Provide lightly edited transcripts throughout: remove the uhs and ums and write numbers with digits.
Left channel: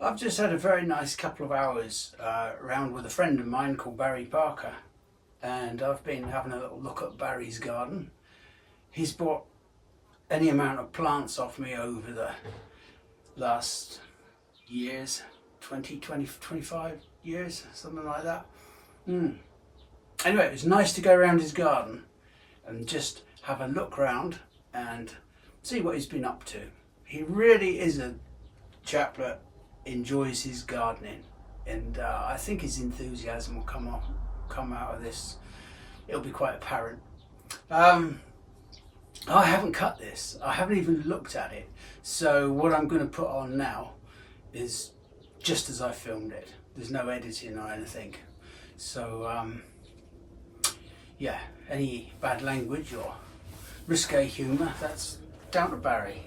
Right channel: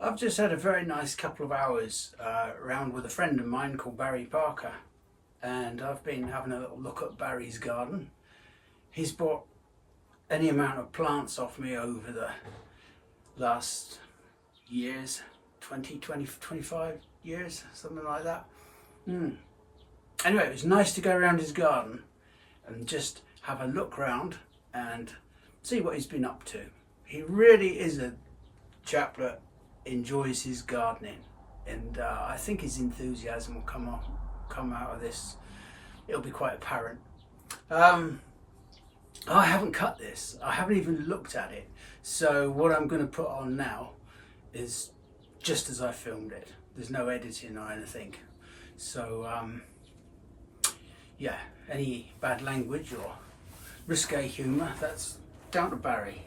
I've just had a very nice couple of hours around with a friend of mine called Barry Parker, and I've been having a little look at Barry's garden. He's bought any amount of plants off me over the last years, 20, 25 years, something like that. Anyway, it was nice to go around his garden and just have a look round and see what he's been up to. He really is a chap that enjoys his gardening, and I think his enthusiasm will come out of this. It'll be quite apparent. I haven't cut this. I haven't even looked at it. So what I'm going to put on now is just as I filmed it. There's no editing or anything. So yeah, any bad language or risque humour, that's down to Barry.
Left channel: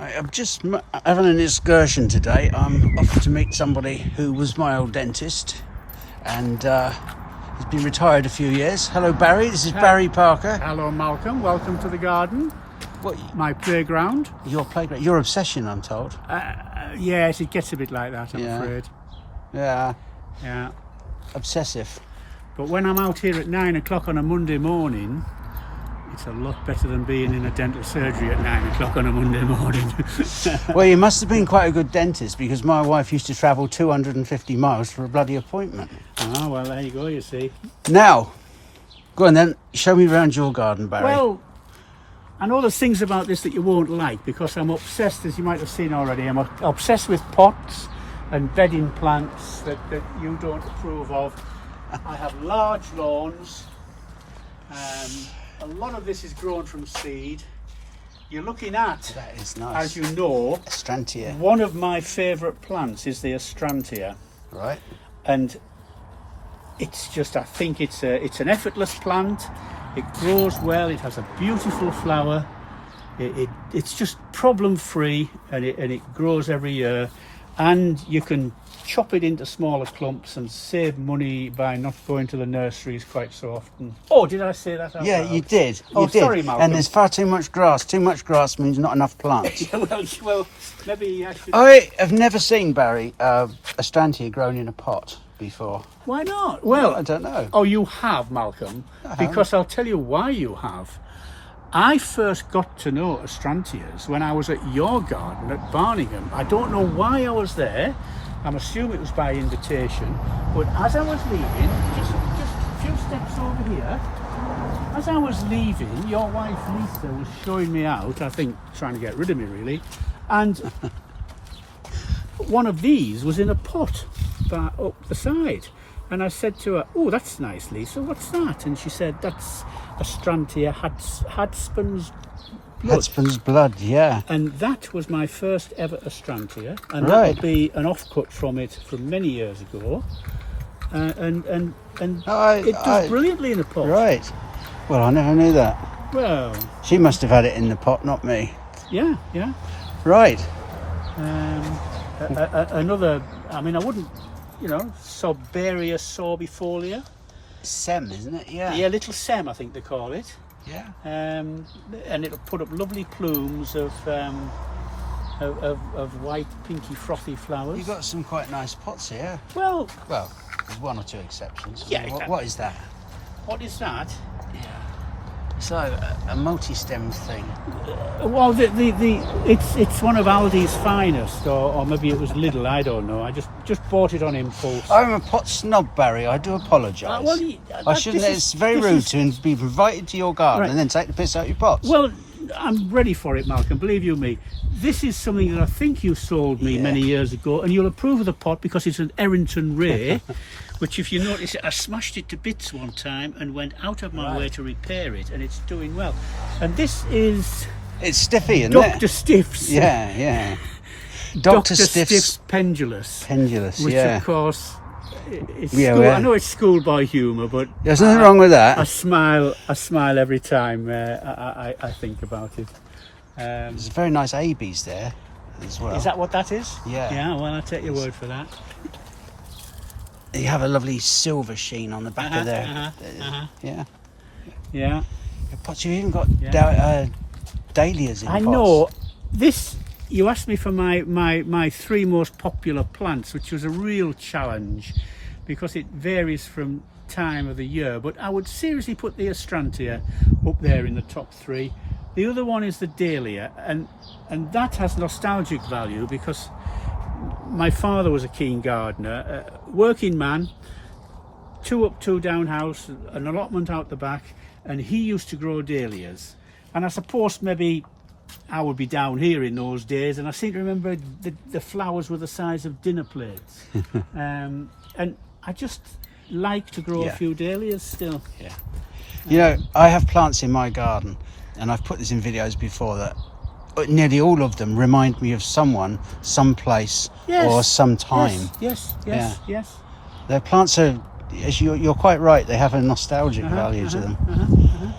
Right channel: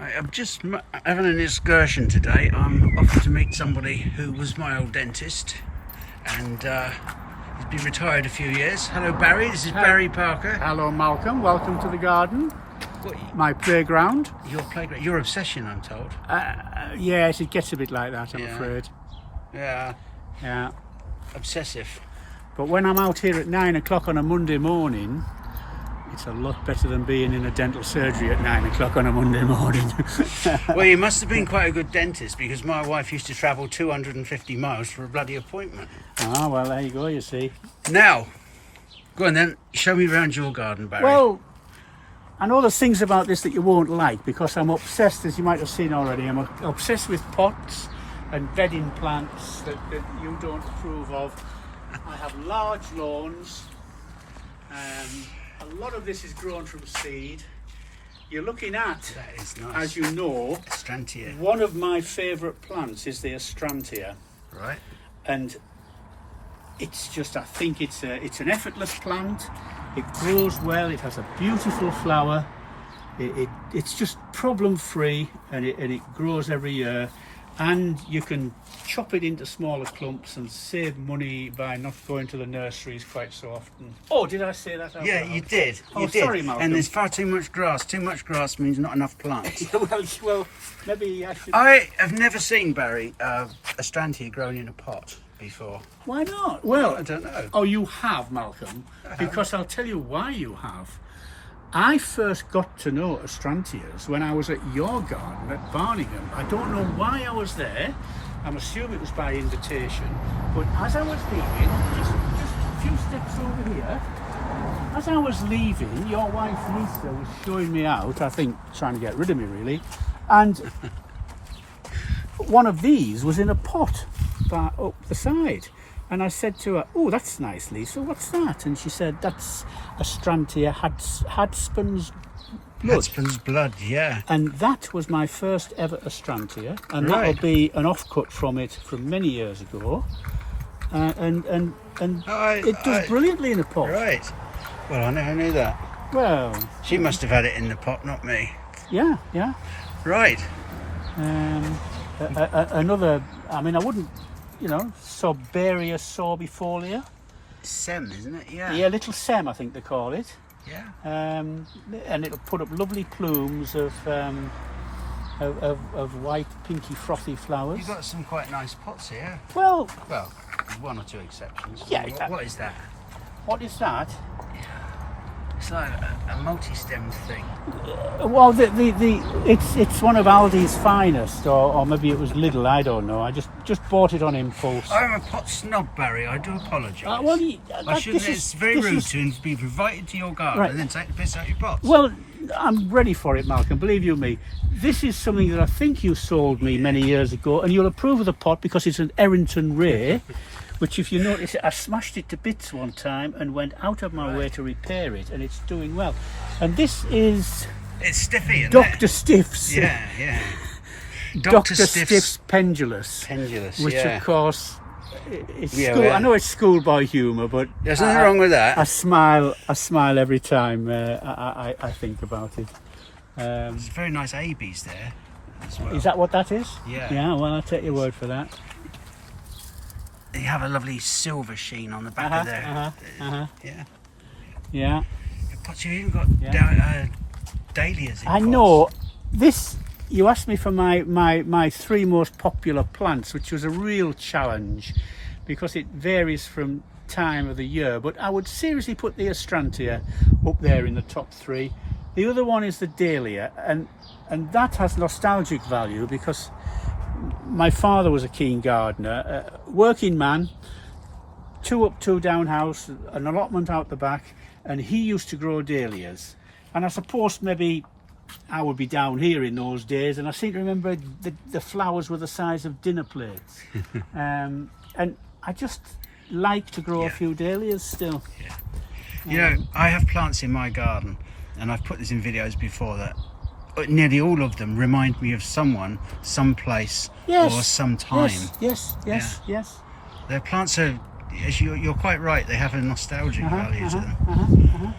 I'm just having an excursion today. I'm off to meet somebody who was my old dentist, and he's been retired a few years. Hello Barry, this is Barry Parker. Hello Malcolm, welcome to the garden. What, my playground. Your playground, your obsession, I'm told. Yes, it gets a bit like that, I'm afraid. Yeah. Obsessive. But when I'm out here at 9 o'clock on a Monday morning, it's a lot better than being in a dental surgery at 9 o'clock on a Monday morning. Well, you must have been quite a good dentist, because my wife used to travel 250 miles for a bloody appointment. Ah, well, there you go, you see. Now, go on then, show me around your garden, Barry. Well, I know there's things about this that you won't like, because I'm obsessed, as you might have seen already, I'm obsessed with pots and bedding plants that you don't approve of. I have large lawns. A lot of this is grown from seed. You're looking at, that is nice, as you know, Arantia. One of my favourite plants is the Arantia. Right. And it's just, I think it's an effortless plant. It grows well. It has a beautiful flower. It's just problem free, and it grows every year. And you can chop it into smaller clumps and save money by not going to the nurseries quite so often. Oh, did I say that out Yeah, loud? you did. Oh, you did. sorry, Malcolm. And there's far too much grass. Too much grass means not enough plants. well, maybe I should... I have never seen, Barry, a Arantia grown in a pot before. Why not? Well, I don't know. Oh, you have, Malcolm. Because I'll tell you why you have. I first got to know Arantias when I was at your garden at Barningham. I don't know why I was there. I'm assuming it was by invitation. But as I was leaving, just a few steps over here, as I was leaving, your wife Lisa was showing me out, I think trying to get rid of me really, and one of these was in a pot up the side. And I said to her, "Oh, that's nice, Lisa. What's that?" And she said, "That's Arantia Hadspun's blood." Hadspun's blood, yeah. And that was my first ever Arantia, and Right. that'll be an offcut from it from many years ago. And it does brilliantly in a pot. Right. Well, I never knew that. Well, She must have had it in the pot, not me. yeah. Right. Another. I mean, I wouldn't. Soberia sorbifolia. Sem, isn't it? Yeah. Yeah, little sem, I think they call it. Yeah. And it'll put up lovely plumes of white, pinky, frothy flowers. You've got some quite nice pots here. Well, There's one or two exceptions. Yeah, What is that? what is that? It's like a multi-stemmed thing. Well, it's one of Aldi's finest, or maybe it was Lidl. I don't know. I just bought it on impulse. I'm a pot snob, Barry. I do apologise. I shouldn't. It's very rude to be invited to your garden and then take the piss out of your pots. Well, I'm ready for it, Malcolm. Believe you me. This is something that I think you sold me many years ago, and you'll approve of the pot because it's an Errington Ray. Which, if you notice, I smashed it to bits one time and went out of my way to repair it, and it's doing well. And this is... It's Stiffy, isn't Dr. Stiff's. Yeah. Dr. Stiff's Pendulous. Which, of course, is school. I know it's schoolboy humour, but... There's nothing wrong with that. I smile every time I think about it. There's very nice ABs there as well. Is that what that is? Yeah. Yeah, well, I'll take your word for that. You have a lovely silver sheen on the back of there. Yeah. Pots, you've even got dahlias in pots. I know. This, you asked me for my 3 most popular plants, which was a real challenge because it varies from time of the year. But I would seriously put the Arantia up there in the top 3. The other one is the dahlia, and that has nostalgic value because my father was a keen gardener, working man, 2 up, 2 down house, an allotment out the back, and he used to grow dahlias. And I suppose maybe I would be down here in those days, and I seem to remember the flowers were the size of dinner plates. And I just like to grow a few dahlias still. Yeah. You know, I have plants in my garden, and I've put this in videos before, that nearly all of them remind me of someone, someplace, or some time. Yes. Their plants are, as you're quite right, they have a nostalgic value to them.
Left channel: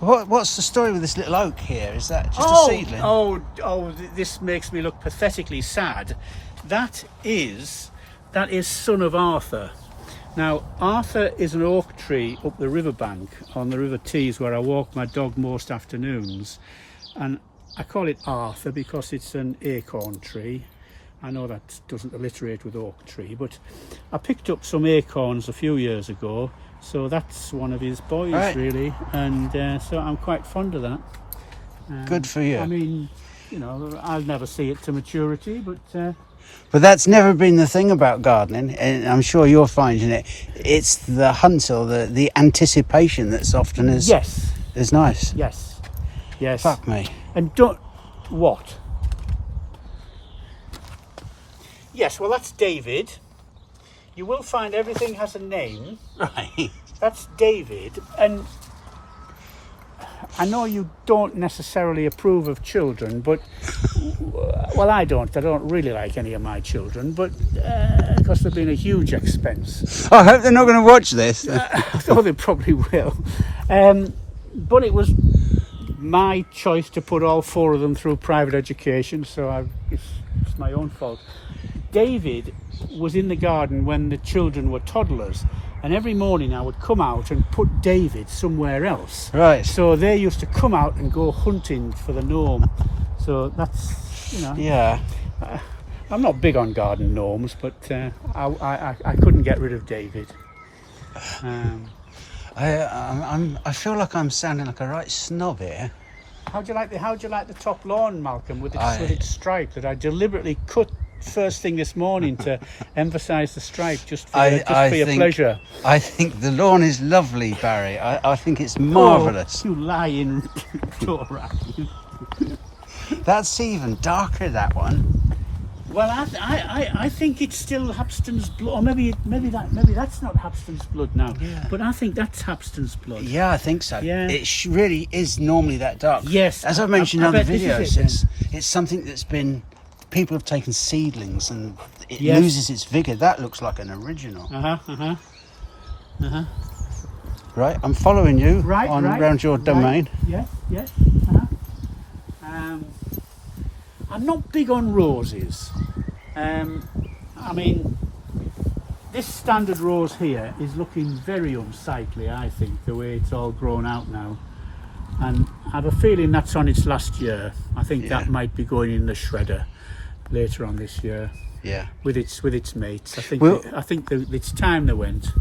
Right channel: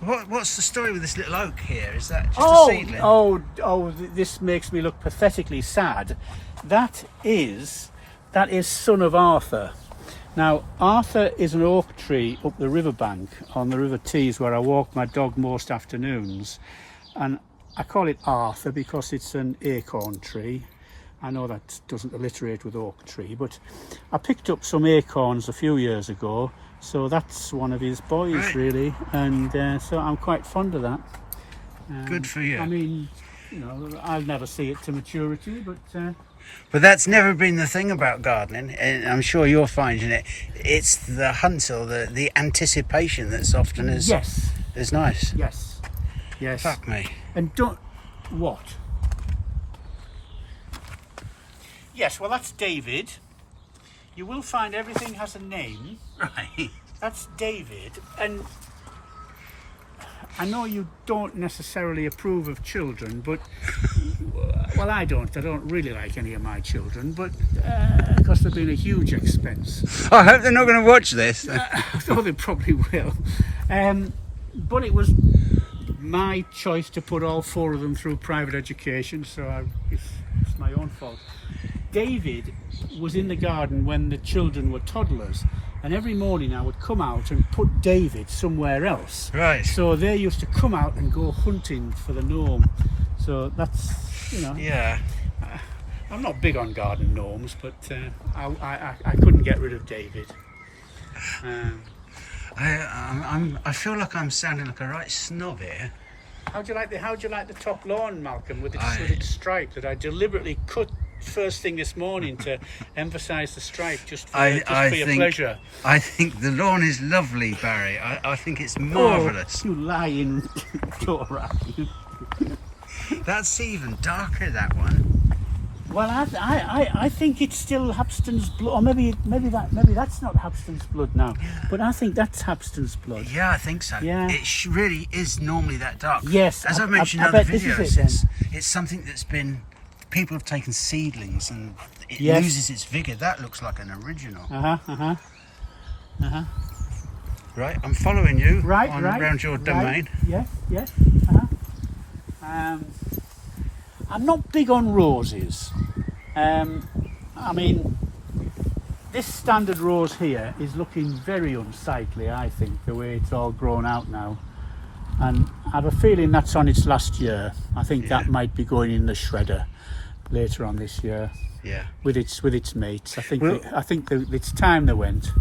What's the story with this little oak here? Is that just a seedling? This makes me look pathetically sad. That is son of Arthur. Now, Arthur is an oak tree up the riverbank on the River Tees where I walk my dog most afternoons. And I call it Arthur because it's an acorn tree. I know that doesn't alliterate with oak tree, but I picked up some acorns a few years ago, so that's one of his boys, really. And so I'm quite fond of that. Good for you. I mean, you know, I'll never see it to maturity, but that's never been the thing about gardening, and I'm sure you're finding it. It's the hunt or the anticipation that's often is nice. Yes. Fuck me. And don't... What? Yes, well, that's David. You will find everything has a name. Right. That's David. And I know you don't necessarily approve of children, but... Well, I don't really like any of my children, but because they've been a huge expense. I hope they're not going to watch this. Oh, they probably will. But it was my choice to put all 4 of them through private education, so it's my own fault. David was in the garden when the children were toddlers, and every morning I would come out and put David somewhere else. Right. So they used to come out and go hunting for the gnome. So that's, you know. Yeah. I'm not big on garden gnomes, but I couldn't get rid of David. I feel like I'm sounding like a right snob here. How'd you like the top lawn, Malcolm, with its stripe that I deliberately cut first thing this morning to emphasise the stripe, just for your pleasure? I think the lawn is lovely, Barry. I think it's marvellous. Oh, you lying Dora. That's even darker, that one. Well, I think it's still Hapston's blood, or maybe that's not Hapston's blood now. Yeah. But I think that's Hapston's blood. Yeah, I think so. Yeah. It really is normally that dark. Yes. As I've mentioned in other videos, it's something that's been, people have taken seedlings and it loses its vigour. That looks like an original. Right, I'm following you around your domain. Yes. I'm not big on roses. I mean, this standard rose here is looking very unsightly, I think, the way it's all grown out now. And I have a feeling that's on its last year. I think that might be going in the shredder later on this year. Yeah. With its mates. I think it's time they went.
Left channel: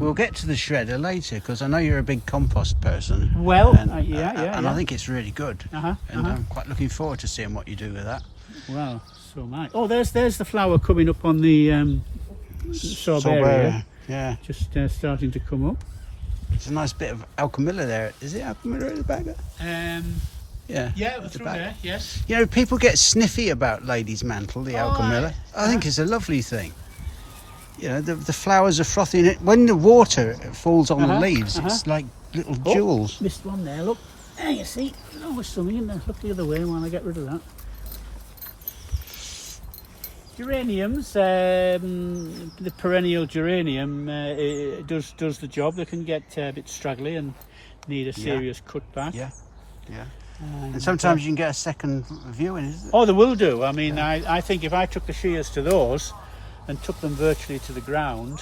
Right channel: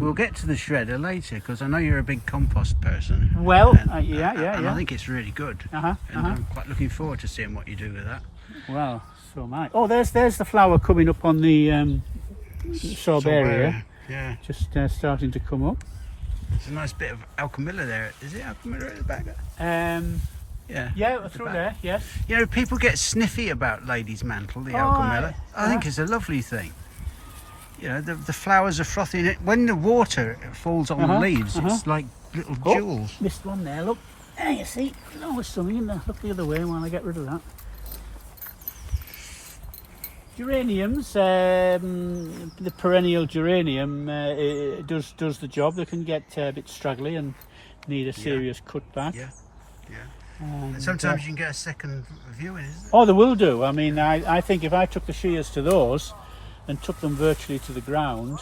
We'll get to the shredder later because I know you're a big compost person. Well, and, yeah. And I think it's really good. And I'm quite looking forward to seeing what you do with that. Well, so am I. Oh, there's the flower coming up on the Sorbaria. Yeah. Just starting to come up. It's a nice bit of Alchemilla there. Is it Alchemilla at the back? Yeah, through there, yes. You know, people get sniffy about Lady's Mantle, the Alchemilla. I think it's a lovely thing. You know, the flowers are frothy. When the water falls on the leaves, it's like little jewels. Missed one there, look. There you see. No, there's something in there. Look the other way while I get rid of that. Geraniums, the perennial geranium does the job. They can get a bit straggly and need a serious cut back. Yeah. And sometimes you can get a second viewing, isn't it? Oh, they will do. I mean, I think if I took the shears to those and took them virtually to the ground,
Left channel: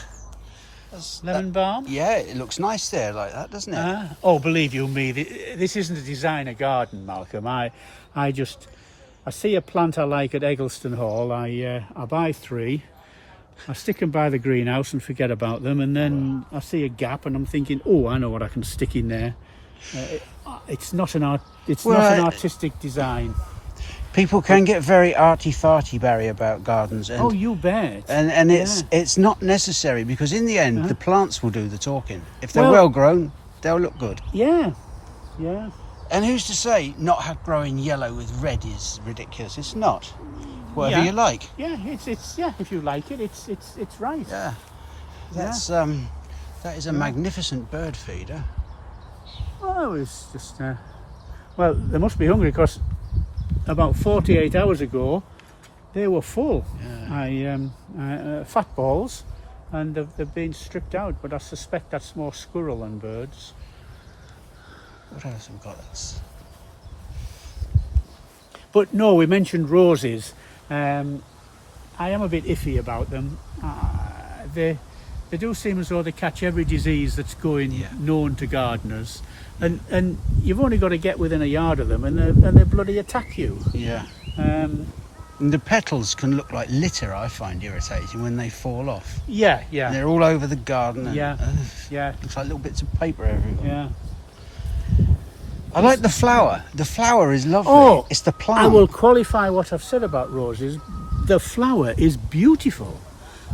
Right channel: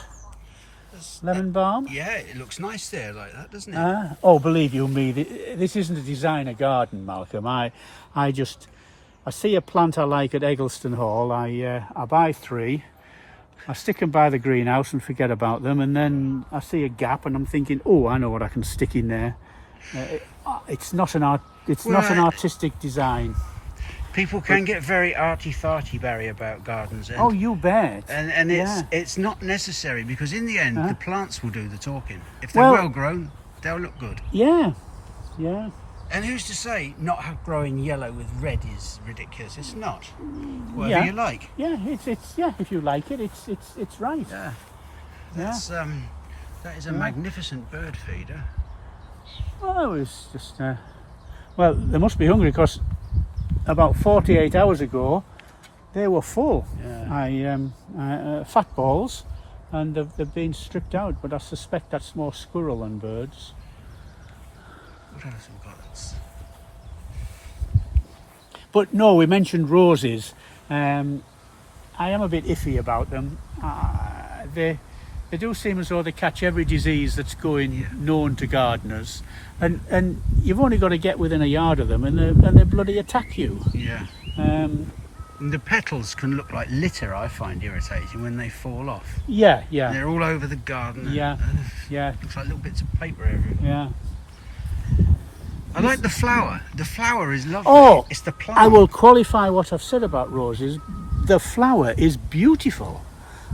lemon balm. Yeah, it looks nice there like that, doesn't it? Oh, believe you me, this isn't a designer garden, Malcolm. I see a plant I like at Eggleston Hall. I buy 3. I stick them by the greenhouse and forget about them, and then I see a gap and I'm thinking, oh, I know what I can stick in there. It's not an artistic design. People can get very arty-farty, Barry, about gardens. And, oh, you bet. And it's not necessary because in the end, the plants will do the talking. If they're well grown, they'll look good. Yeah. And who's to say not growing yellow with red is ridiculous? It's not. Whatever you like. Yeah, it's if you like it, it's right. Yeah. That is a magnificent bird feeder. Oh, it's just well, they must be hungry because about 48 hours ago they were full. Fat balls, and they've been stripped out, but I suspect that's more squirrel than birds. What else have we got? But no, we mentioned roses. I am a bit iffy about them. They do seem as though they catch every disease that's going known to gardeners, and you've only got to get within a yard of them, and they bloody attack you. Yeah. And the petals can look like litter. I find irritating when they fall off. Yeah. And they're all over the garden. And, yeah. Looks like little bits of paper everywhere. Yeah. I like the flower. The flower is lovely. Oh, it's the plant. I will qualify what I've said about roses. The flower is beautiful.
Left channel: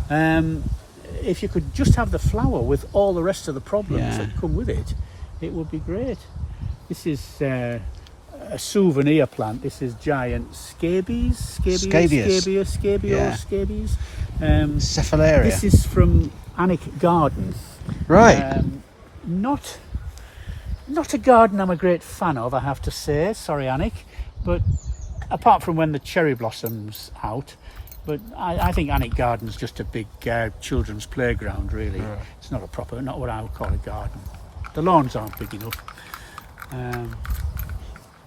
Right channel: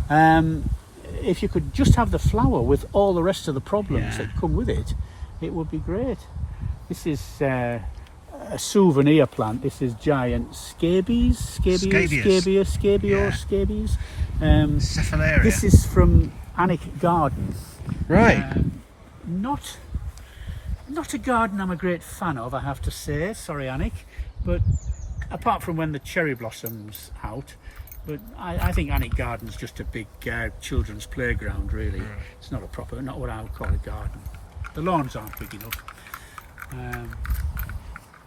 If you could just have the flower with all the rest of the problems that come with it, it would be great. This is a souvenir plant. This is giant scabies. Cephalaria. This is from Annick Garden. Right. Not a garden I'm a great fan of, I have to say. Sorry, Annick, but apart from when the cherry blossoms out. But I think Annick Garden's just a big children's playground, really. Right. It's not what I would call a garden. The lawns aren't big enough.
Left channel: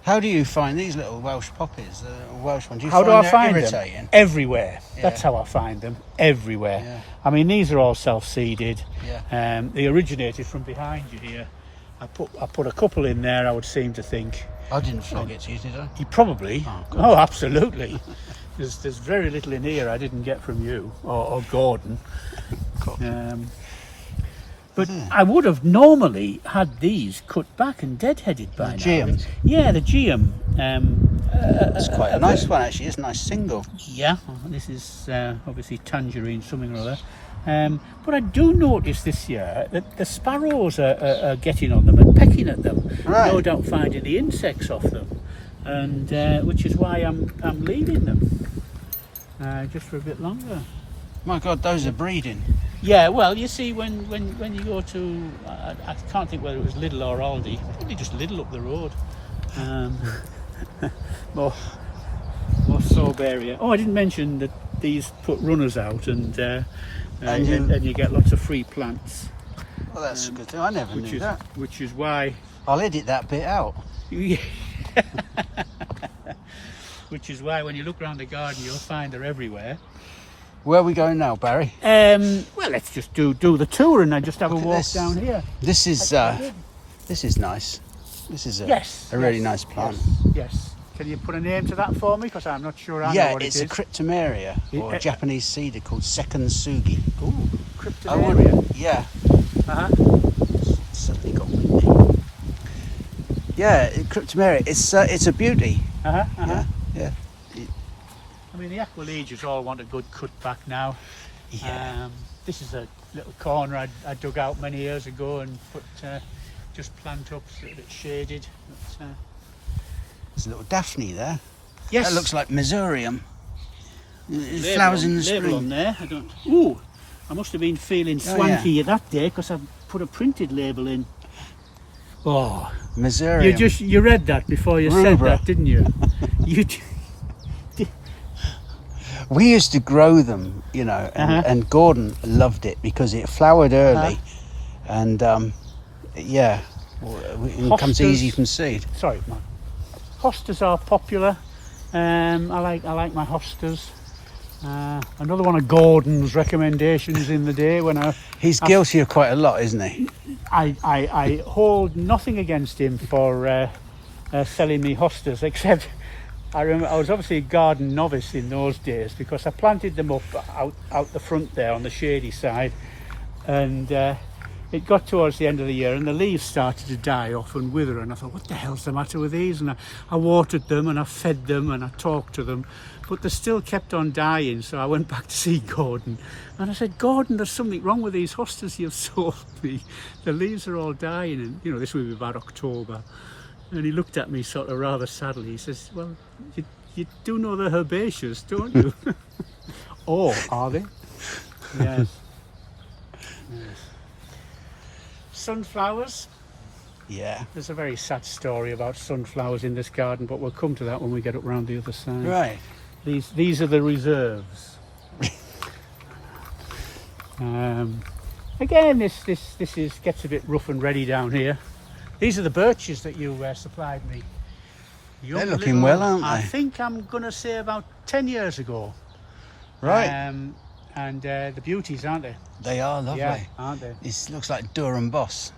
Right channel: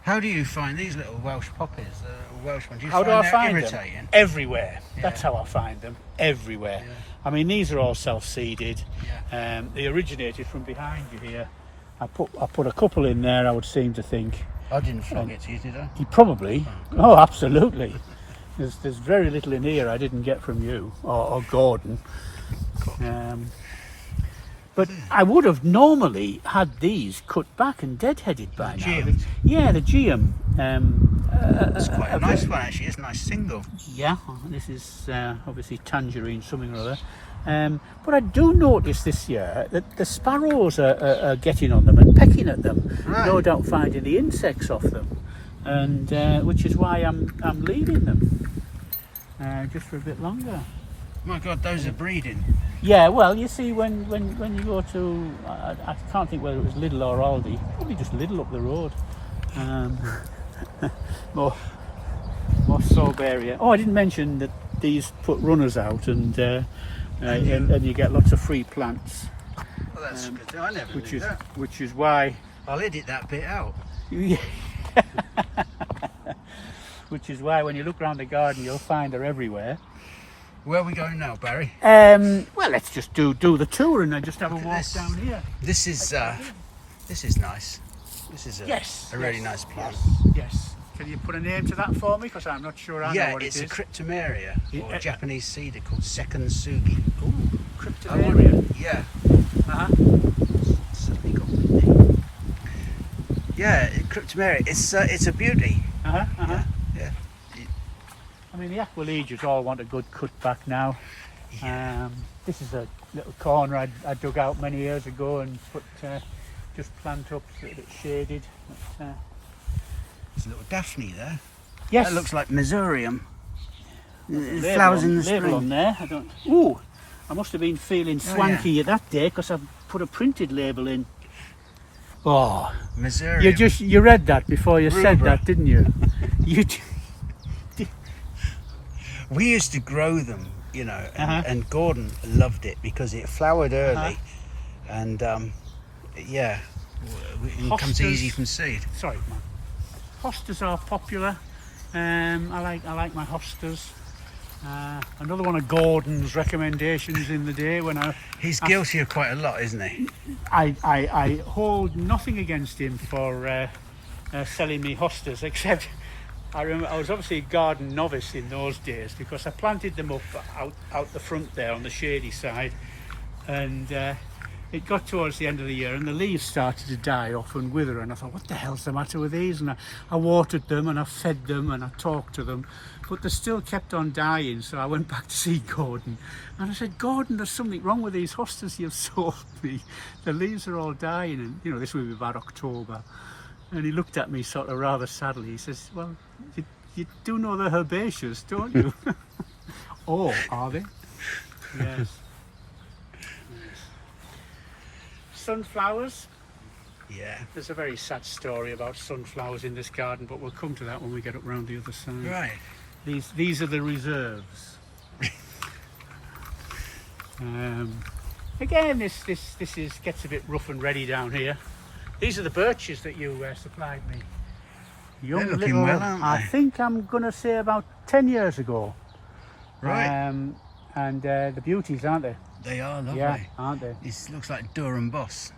How do you find these little Welsh poppies, Welsh ones? Do you find they're irritating? Them? Everywhere. Yeah. That's how I find them. Everywhere. Yeah. I mean, these are all self-seeded. Yeah. They originated from behind you here. I put a couple in there, I would seem to think. I didn't flog it to you, did I? You probably. Oh, absolutely. There's very little in here I didn't get from you or Gordon. But I would have normally had these cut back and deadheaded by now. Geum. Yeah, the Geum. It's quite a nice one, actually. It's a nice single. Yeah, this is obviously tangerine something or other. But I do notice this year that the sparrows are getting on them and pecking at them. Right. No doubt finding the insects off them, and which is why I'm leaving them just for a bit longer. My God, those are breeding. Yeah, well, you see, when you go to, I can't think whether it was Lidl or Aldi, probably just Lidl up the road. More Sorbaria. Oh, I didn't mention that these put runners out, and you get lots of free plants. Well, that's good. I never knew that. Which is why I'll edit that bit out. Which is why when you look around the garden, you'll find they're everywhere. Where are we going now, Barry? Well, let's just do the tour and then just have a walk down here. This is nice. This is a really nice plant. Yes. Can you put a name to that for me? Because I'm not sure I know what it is. Yeah, it's a Cryptomeria, or a Japanese cedar called Second Sugi. Ooh, Cryptomeria. Suddenly got windy. Yeah, Cryptomeria. It's a beauty. Yeah. I mean, the Aquiles all want a good cut back now. Yeah. This is a little corner I dug out many years ago and put just plant up so that it's shaded. There's a little Daphne there. Yes. That looks like Missourium. It flowers in the spring. On there. I don't. Ooh, I must have been feeling swanky that day because I put a printed label in. Oh, Missourium. you read that before you said that, didn't you? We used to grow them, you know, and Gordon loved it because it flowered early, and yeah, it comes easy from seed. Sorry, man. Hostas are popular. I like my hostas. Another one of Gordon's recommendations in the day when he's guilty of quite a lot, isn't he? I hold nothing against him for selling me hostas, except I remember I was obviously a garden novice in those days because I planted them up out the front there on the shady side, and it got towards the end of the year and the leaves started to die off and wither, and I thought, what the hell's the matter with these? And I watered them and I fed them and I talked to them, but they still kept on dying. So I went back to see Gordon and I said, Gordon, there's something wrong with these hostas you've sold me. The leaves are all dying, and you know, this would be about October. And he looked at me sort of rather sadly. He says, well, you do know they're herbaceous, don't you? Oh, are they? Yes. Sunflowers. Yeah. There's a very sad story about sunflowers in this garden, but we'll come to that when we get up round the other side. Right. These are the reserves. Again, this gets a bit rough and ready down here. These are the birches that you supplied me. They're looking well, aren't they? I think I'm going to say about 10 years ago. Right. And the beauties, aren't they? They are lovely. Yeah, aren't they? It looks like Durham Boss.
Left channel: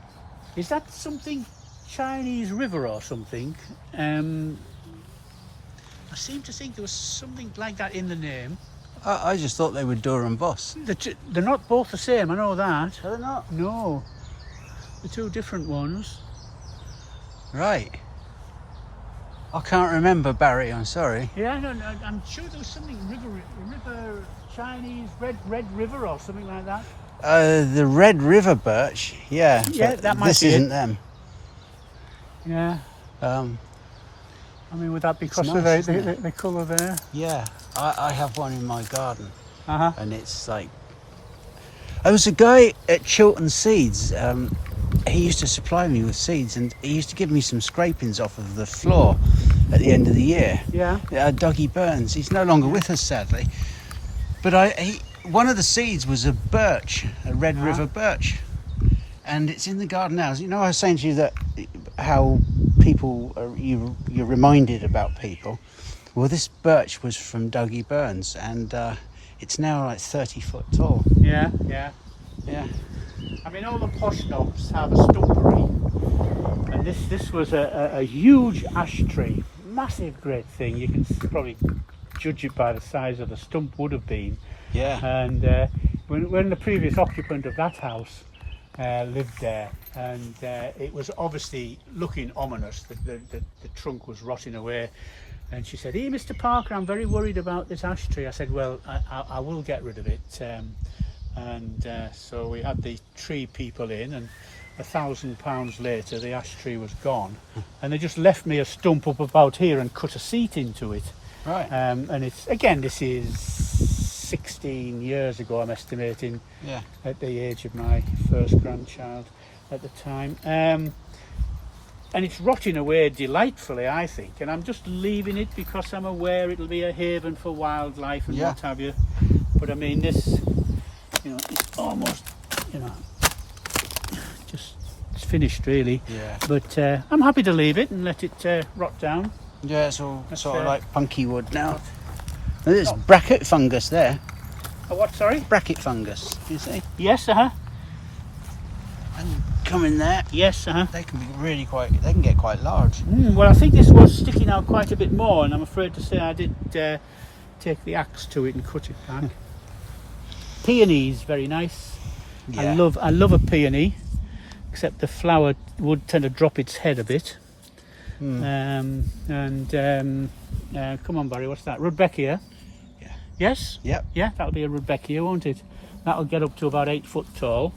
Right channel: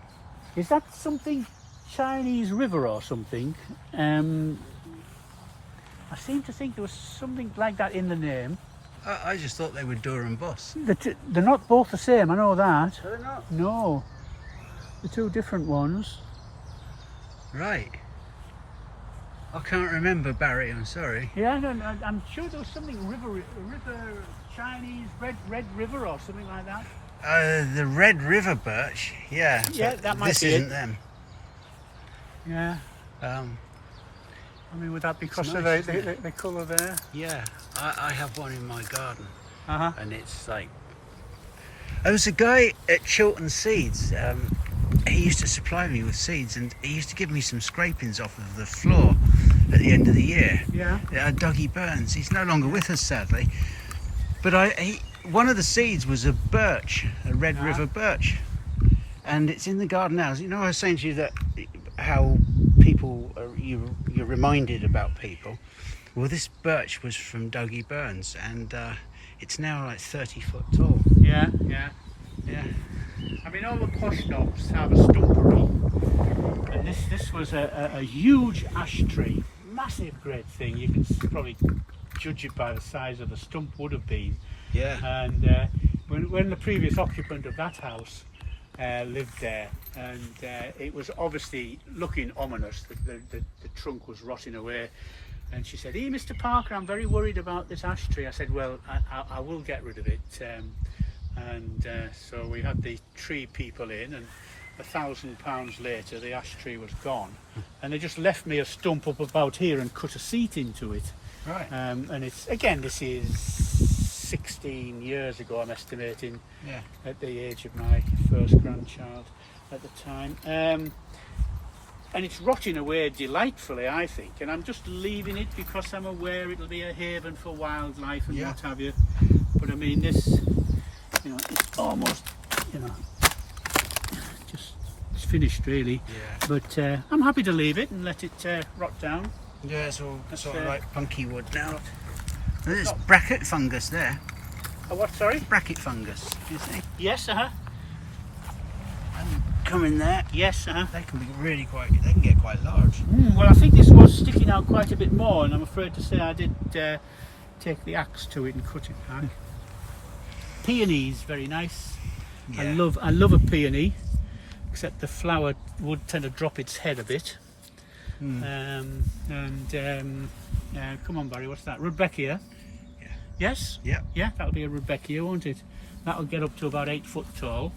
Is that something Chinese river or something? I seem to think there was something like that in the name. I just thought they were Durham Boss. They're not both the same, I know that. Are they not? No. They're two different ones. Right. I can't remember, Barry, I'm sorry. Yeah, no, I'm sure there was something river Chinese red river or something like that. The Red River birch, yeah. Yeah, that might this be isn't it. them. Yeah. I mean, would that be because of nice, the colour there? Yeah, I have one in my garden, Uh-huh. and it's like... There was a guy at Chiltern Seeds, he used to supply me with seeds, and he used to give me some scrapings off of the floor at the end of the year. Yeah. Dougie Burns, he's no longer with us sadly, but one of the seeds was a birch, a Red River birch, and it's in the garden now. You know, I was saying to you that how people, you're reminded about people. Well, this birch was from Dougie Burns, and it's now like 30 foot tall. Yeah. I mean, all the posh knobs have a stumpery, and this was a huge ash tree, massive, great thing. You can probably judge it by the size of the stump would have been. Yeah. And when the previous occupant of that house lived there, and it was obviously looking ominous. The trunk was rotting away, and she said, "Hey, Mr. Parker, I'm very worried about this ash tree." I said, "Well, I will get rid of it." So we had the tree people in, and £1,000 later the ash tree was gone, and they just left me a stump up about here and cut a seat into it. Right. And it's, again, this is 16 years ago, I'm estimating, Yeah. at the age of my first grandchild at the time. And it's rotting away delightfully, I think, and I'm just leaving it because I'm aware it'll be a haven for wildlife and what have you. But I mean, this, you know, it's almost, you know, just, it's finished really. Yeah. But I'm happy to leave it and let it rot down. Yeah, it's all sort of like punky wood now. And there's bracket fungus there. Oh, what, sorry? Bracket fungus, you see? Yes, And come in there. Yes, They can be really they can get quite large. Well, I think this was sticking out quite a bit more, and I'm afraid to say I did take the axe to it and cut it back. Peonies, very nice. Yeah. I love a peony, except the flower would tend to drop its head a bit. Come on, Barry, what's that? Rudbeckia. Yeah. Yes? Yep. Yeah, that'll be a Rudbeckia, won't it? That'll get up to about 8 foot tall.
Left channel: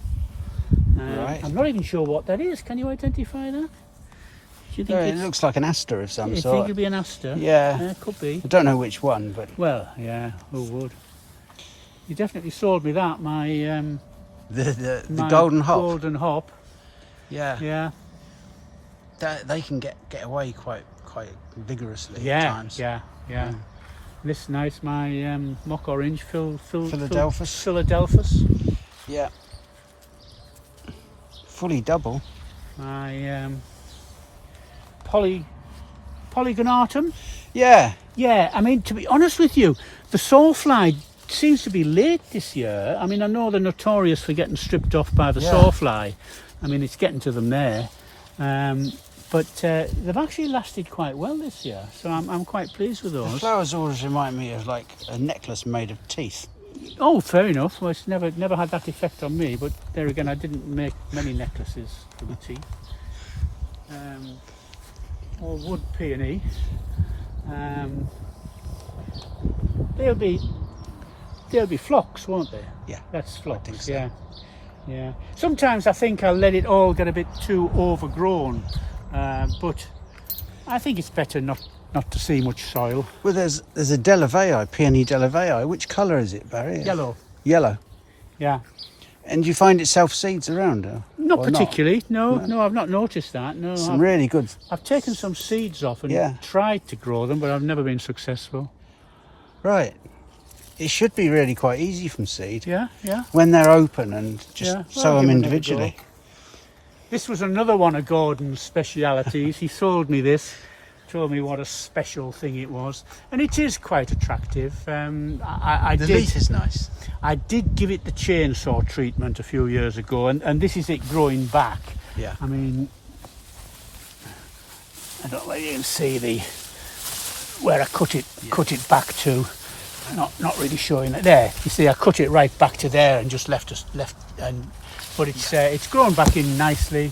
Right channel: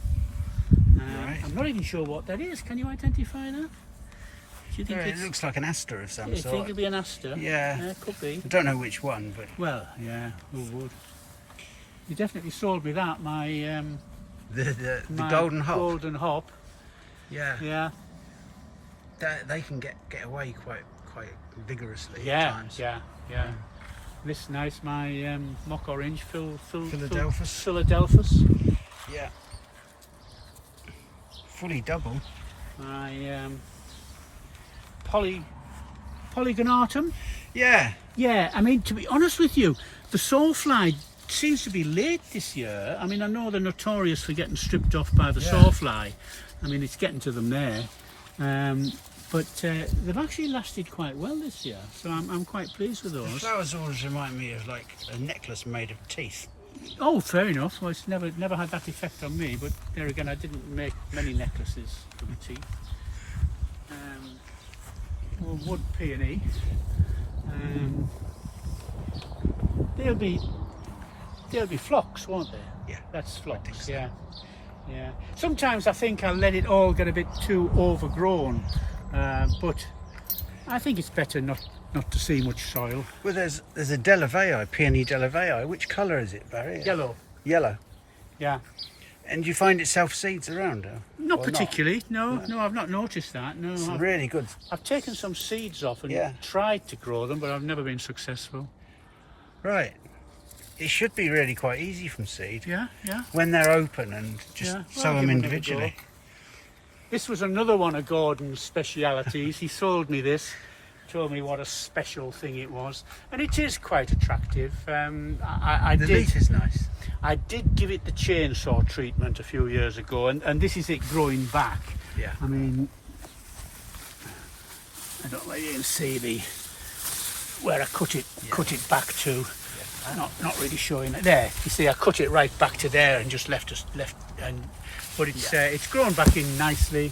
Right. I'm not even sure what that is. Can you identify that? Do you think It looks like an aster of some you sort. think it'd be an aster? Yeah. Could be. I don't know which one, but Well, yeah, who would? You definitely sold me that, my the golden hop. Golden hop. Yeah. Yeah. They can get away quite vigorously at times. Yeah. This is nice, my mock orange Philadelphus. Philadelphus. Yeah. Fully double. My Polygonatum. Yeah. Yeah, I mean, to be honest with you, the sawfly seems to be late this year. I mean, I know they're notorious for getting stripped off by the sawfly. I mean, it's getting to them there. But they've actually lasted quite well this year, so I'm quite pleased with The those. flowers always remind me of like a necklace made of teeth. Oh, fair enough. Well, it's never had that effect on me, but there again, I didn't make many necklaces for the teeth. More wood peony. They'll be phlox, won't they? Yeah. That's phlox. I think so. Yeah. Sometimes I think I'll let it all get a bit too overgrown, but I think it's better not to see much soil. Well, there's a Delavei, peony Delavei. Which colour is it, Barry? Yellow. Yellow. Yeah. And you find it self-seeds around? Not or particularly. No, I've not noticed that. No, Some really good. I've taken some seeds off and tried to grow them, but I've never been successful. Right. It should be really quite easy from seed. Yeah. When they're open and just sow them individually. This was another one of Gordon's specialities. He sold me this, told me what a special thing it was, and it is quite attractive. The leaf is nice. I did give it the chainsaw treatment a few years ago, and this is it growing back. Yeah. I mean, I don't know if you can see where I cut it back to. Not really showing it there. You see, I cut it right back to there and just left, but it's grown back in nicely,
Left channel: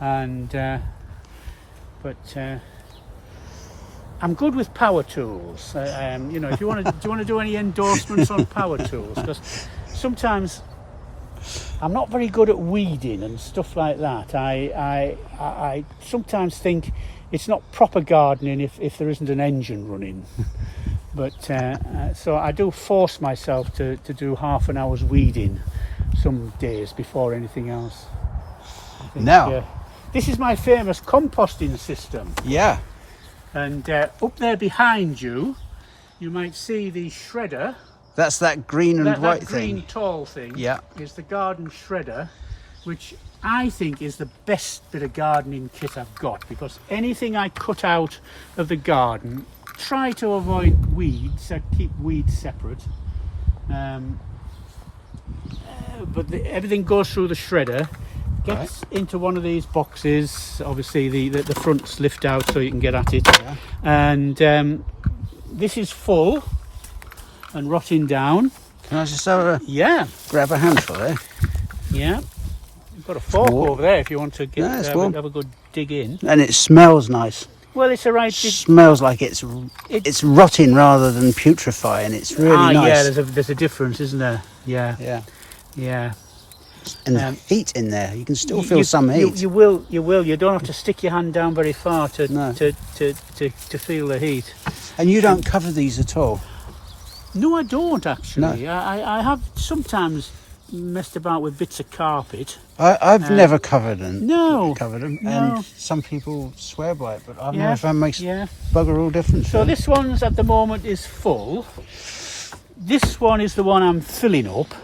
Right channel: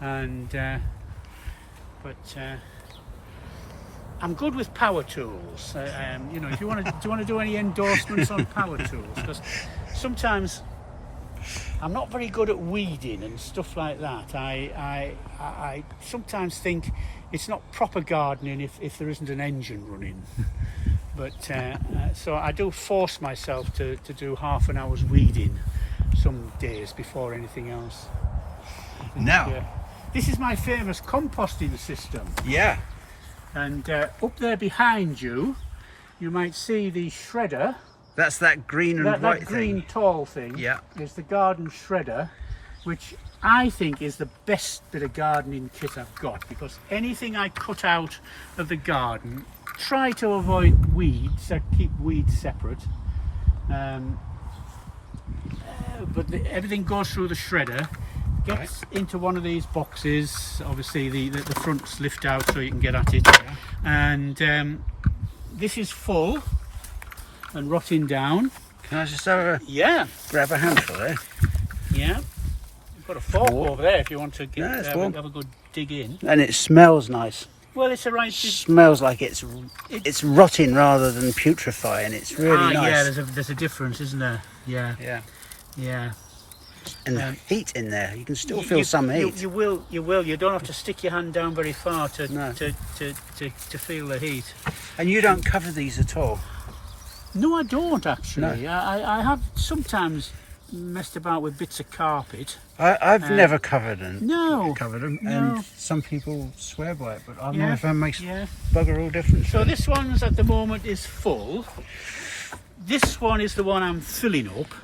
and I'm good with power tools. You know, if you want to do any endorsements on power tools, because sometimes I'm not very good at weeding and stuff like that. I sometimes think it's not proper gardening if there isn't an engine running. But so I do force myself to do half an hour's weeding some days before anything else. Now, this is my famous composting system. Yeah. And up there behind you, you might see the shredder. That's that green and white that thing. green tall thing. Yeah. Is the garden shredder, which I think is the best bit of gardening kit I've got, because anything I cut out of the garden, try to avoid weeds. I keep weeds separate. But everything goes through the shredder, gets into one of these boxes. Obviously, the fronts lift out so you can get at it. Yeah. And this is full and rotting down. Can I just grab a handful there? Yeah. You've got a fork over there if you want to have a good dig in. And it smells nice. Well, it's a right. Smells like it's rotting rather than putrefying. It's really nice. Yeah, there's a difference, isn't there? Yeah. And the heat in there, you can still feel some heat. You will. You don't have to stick your hand down very far to feel the heat. And you don't cover these at all? No, I don't actually. No. I have sometimes messed about with bits of carpet. I've never covered them. No. And some people swear by it, but I've never found it makes bugger all difference. So this one's at the moment is full. This one is the one I'm filling up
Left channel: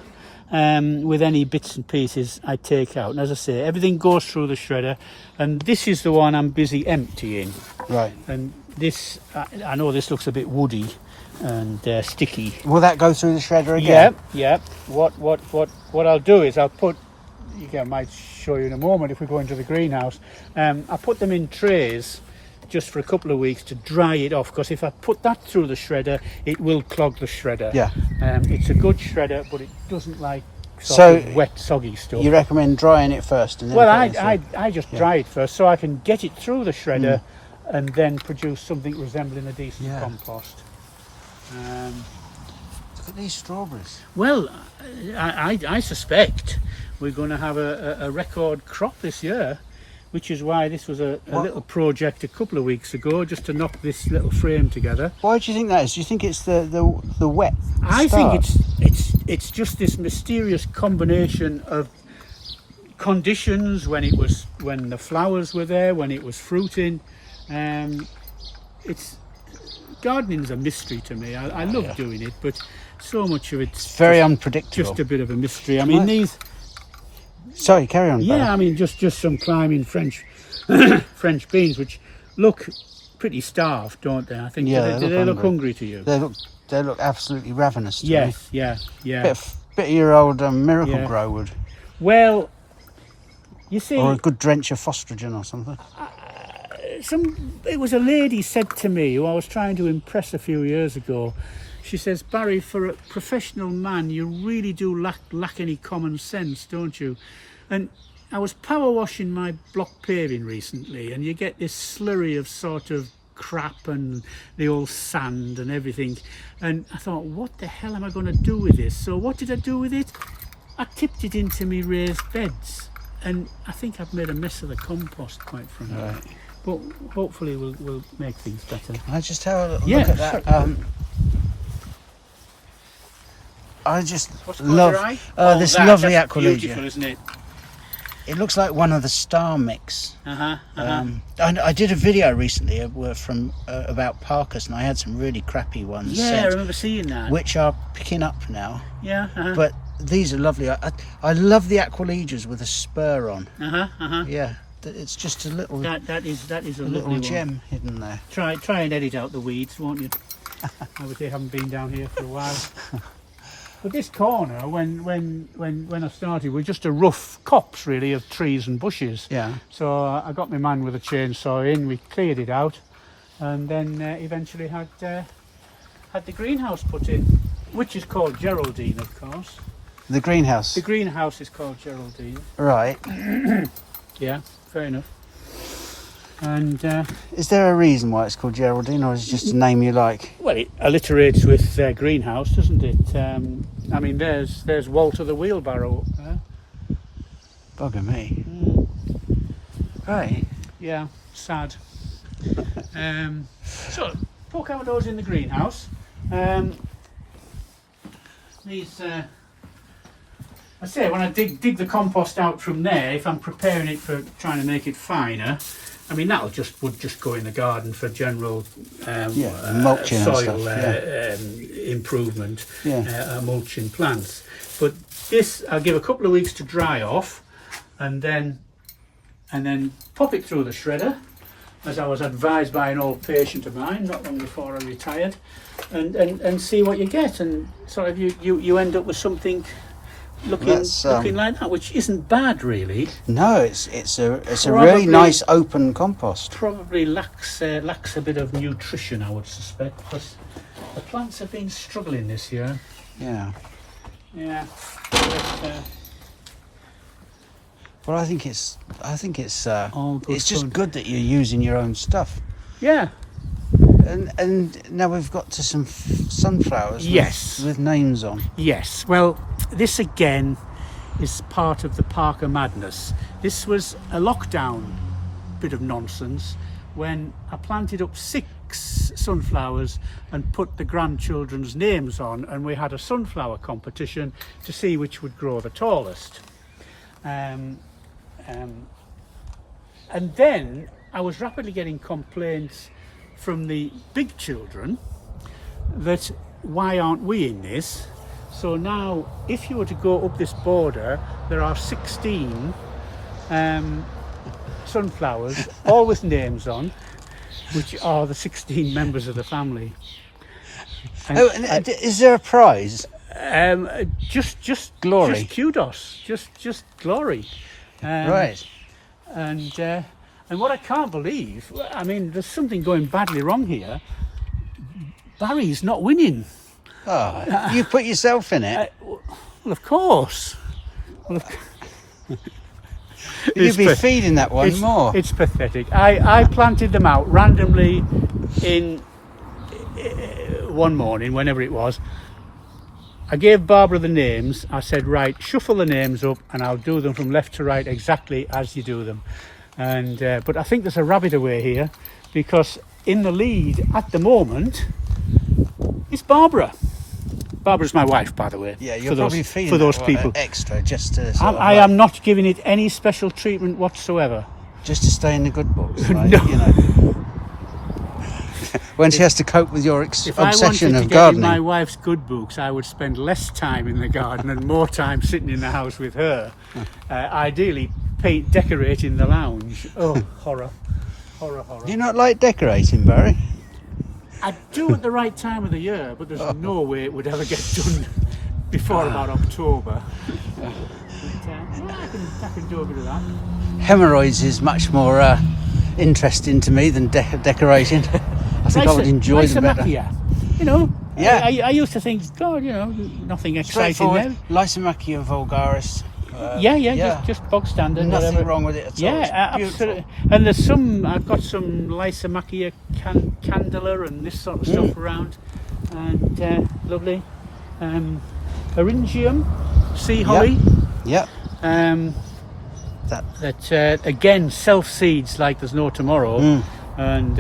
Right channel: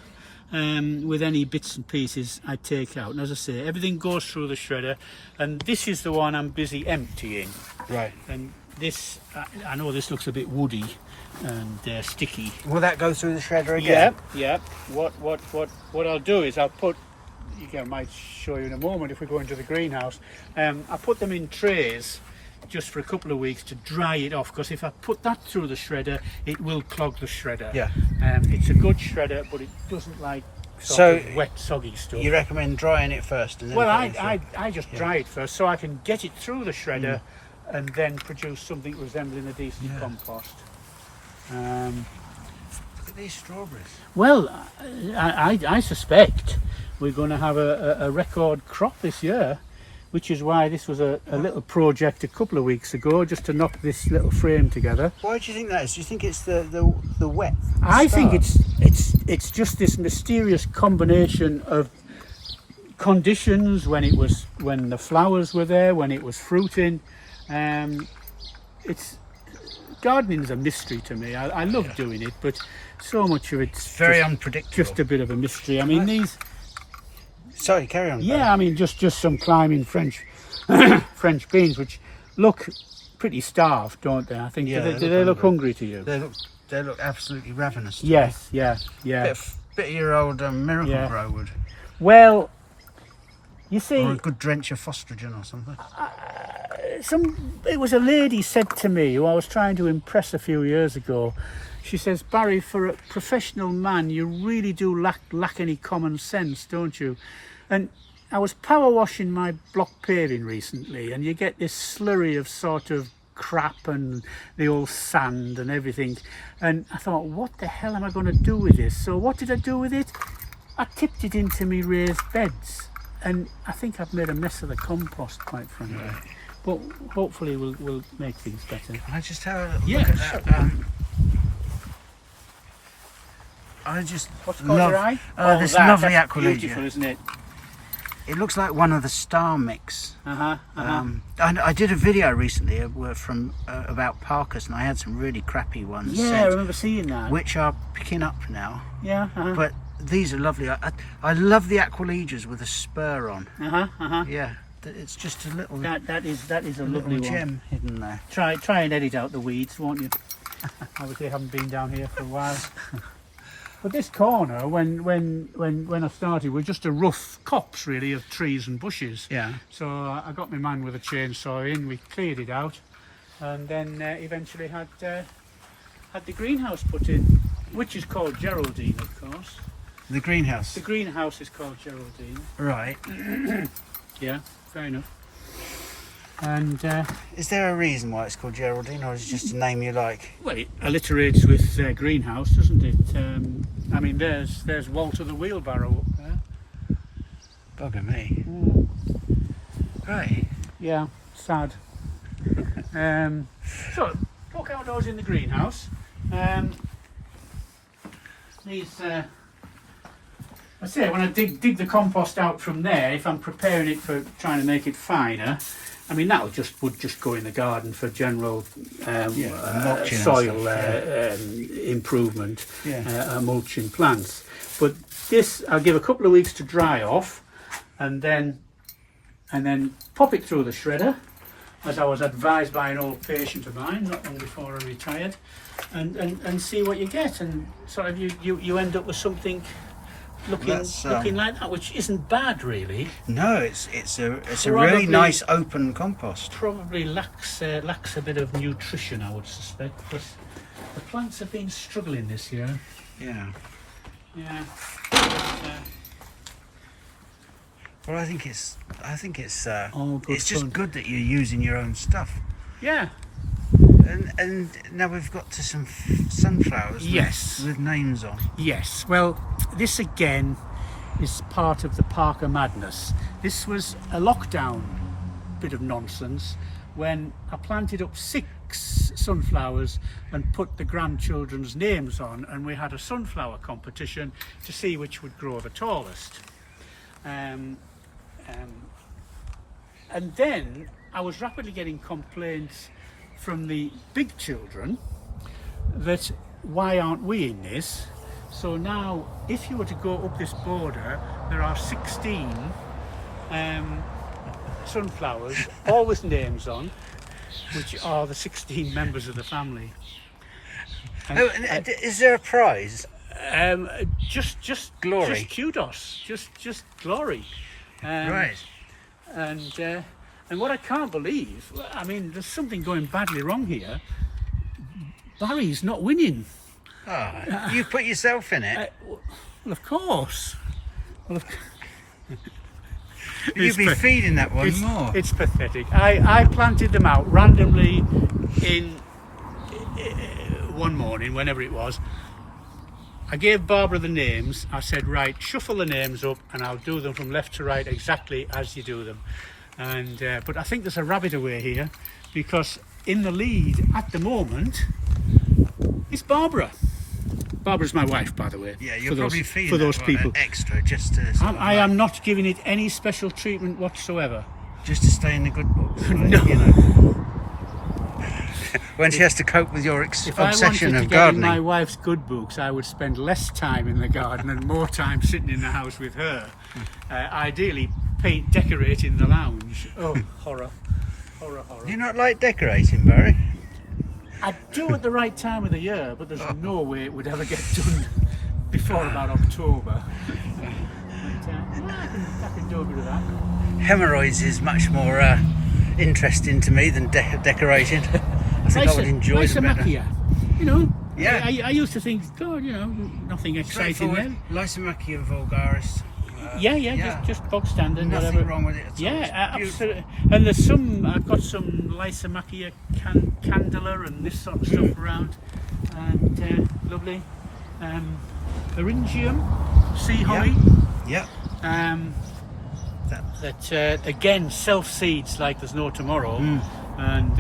with any bits and pieces I take out. And as I say, everything goes through the shredder. And this is the one I'm busy emptying. Right. And this, I know this looks a bit woody and sticky. Will that go through the shredder again? Yeah. What I'll do is I'll put, I might show you in a moment if we go into the greenhouse. I put them in trays just for a couple of weeks to dry it off, because if I put that through the shredder, it will clog the shredder. Yeah. It's a good shredder, but it doesn't like wet, soggy stuff. You recommend drying it first, and then Well, putting it I just dry it first so I can get it through the shredder and then produce something resembling a decent compost. Look at these strawberries. Well, I suspect we're going to have a record crop this year, which is why this was a little project a couple of weeks ago, just to knock this little frame together. Why do you think that is? Do you think it's the wet? I think it's just this mysterious combination of conditions when the flowers were there, when it was fruiting. It's gardening's a mystery to me. I love doing it, but so much of it's very unpredictable. Just a bit of a mystery. I mean, these. Sorry, carry on. Yeah, buddy. I mean, just some climbing French French beans, which look pretty starved, don't they? I think. Yeah, do they look hungry to you? They look absolutely ravenous to Yes, me. yeah. Bit of your old Miracle Grow would. Well, you see, or a good drench of Fostrogen or something. It was a lady said to me who I was trying to impress a few years ago. She says, Barry, for a professional man, you really do lack any common sense, don't you? And I was power washing my block paving recently, and you get this slurry of sort of crap and the old sand and everything. And I thought, what the hell am I going to do with this? So what did I do with it? I tipped it into me raised beds, and I think I've made a mess of the compost, quite frankly. Right. But hopefully we'll make things better. I just have a look at that. I just love this lovely Aquiles. Beautiful, isn't it? It looks like one of the star mix. I did a video recently about Parkers, and I had some really crappy ones. Yeah, I remember seeing that. Which are picking up now. Yeah. But these are lovely. I love the Aquiles with a spur on. Yeah, it's just a little. That is a little lovely gem one. hidden there. Try and edit out the weeds, won't you? Obviously, I haven't been down here for a while. But this corner, when I started, was just a rough copse really of trees and bushes. Yeah. So I got my man with a chainsaw in. We cleared it out, and then eventually had the greenhouse put in, which is called Geraldine, of course. The greenhouse. The greenhouse is called Geraldine. Right. Yeah, fair enough. And is there a reason why it's called Geraldine, or is it just a name you like? Well, it alliterates with greenhouse, doesn't it? I mean, there's Walter the wheelbarrow. Bugger me. Right. Yeah, sad. So, poke outdoors in the greenhouse. These. I say, when I dig the compost out from there, if I'm preparing it for trying to make it finer, I mean would just go in the garden for general mulching soil improvement, mulching plants. But this I'll give a couple of weeks to dry off, and then pop it through the shredder, as I was advised by an old patient of mine not long before I retired, and see what you get, and sort of you end up with something looking like that, which isn't bad really. No, it's a really nice open compost. Probably lacks a bit of nutrition, I would suspect, because the plants have been struggling this year. Yeah. Well, I think it's it's just good that you're using your own stuff. Yeah. And now we've got to some sunflowers. Yes. With names on. Yes. Well, this again is part of the Parker madness. This was a lockdown bit of nonsense when I planted up 6 sunflowers and put the grandchildren's names on, and we had a sunflower competition to see which would grow the tallest. And then I was rapidly getting complaints from the big children that why aren't we in this? So now if you were to go up this border, there are 16 sunflowers, all with names on, which are the 16 members of the family. Is there a prize? Just glory. Just kudos. Just glory. Right. And what I can't believe, I mean, there's something going badly wrong here. Barry's not winning. Oh, you put yourself in it. Well, of course. Well, You'd be feeding that one more. It's pathetic. I planted them out randomly in one morning, whenever it was. I gave Barbara the names. I said, right, shuffle the names up and I'll do them from left to right exactly as you do them. And but I think there's a rabbit away here, because in the lead at the moment is Barbara. Barbara's my wife, by the way. Yeah, you're probably feeding for those that people extra just to I am not giving it any special treatment whatsoever. just to stay in the good books, right? No. You know. When she has to cope with your If obsession I wanted to of get in gardening. my wife's good books, I would spend less time in the garden and more time sitting in the house with her. Ideally, decorating the lounge. Oh, horror. Horror. Do you not like decorating, Barry? I do at the right time of the year, but there's no way it would ever get done before about October. But yeah, I can do a bit of that. Hemorrhoids is much more interesting to me than decorating. I think I would enjoy them better. Lysimachia, you know. Yeah. I used to think, God, you know, nothing exciting there. Lysimachia vulgaris. Just bog standard. Nothing whatever. wrong with it at all. Yeah, It's beautiful. absolutely. And there's I've got some Lysimachia candela and this sort of stuff around, and lovely. Arantium, sea holly. Yep. That again self seeds like there's no tomorrow, and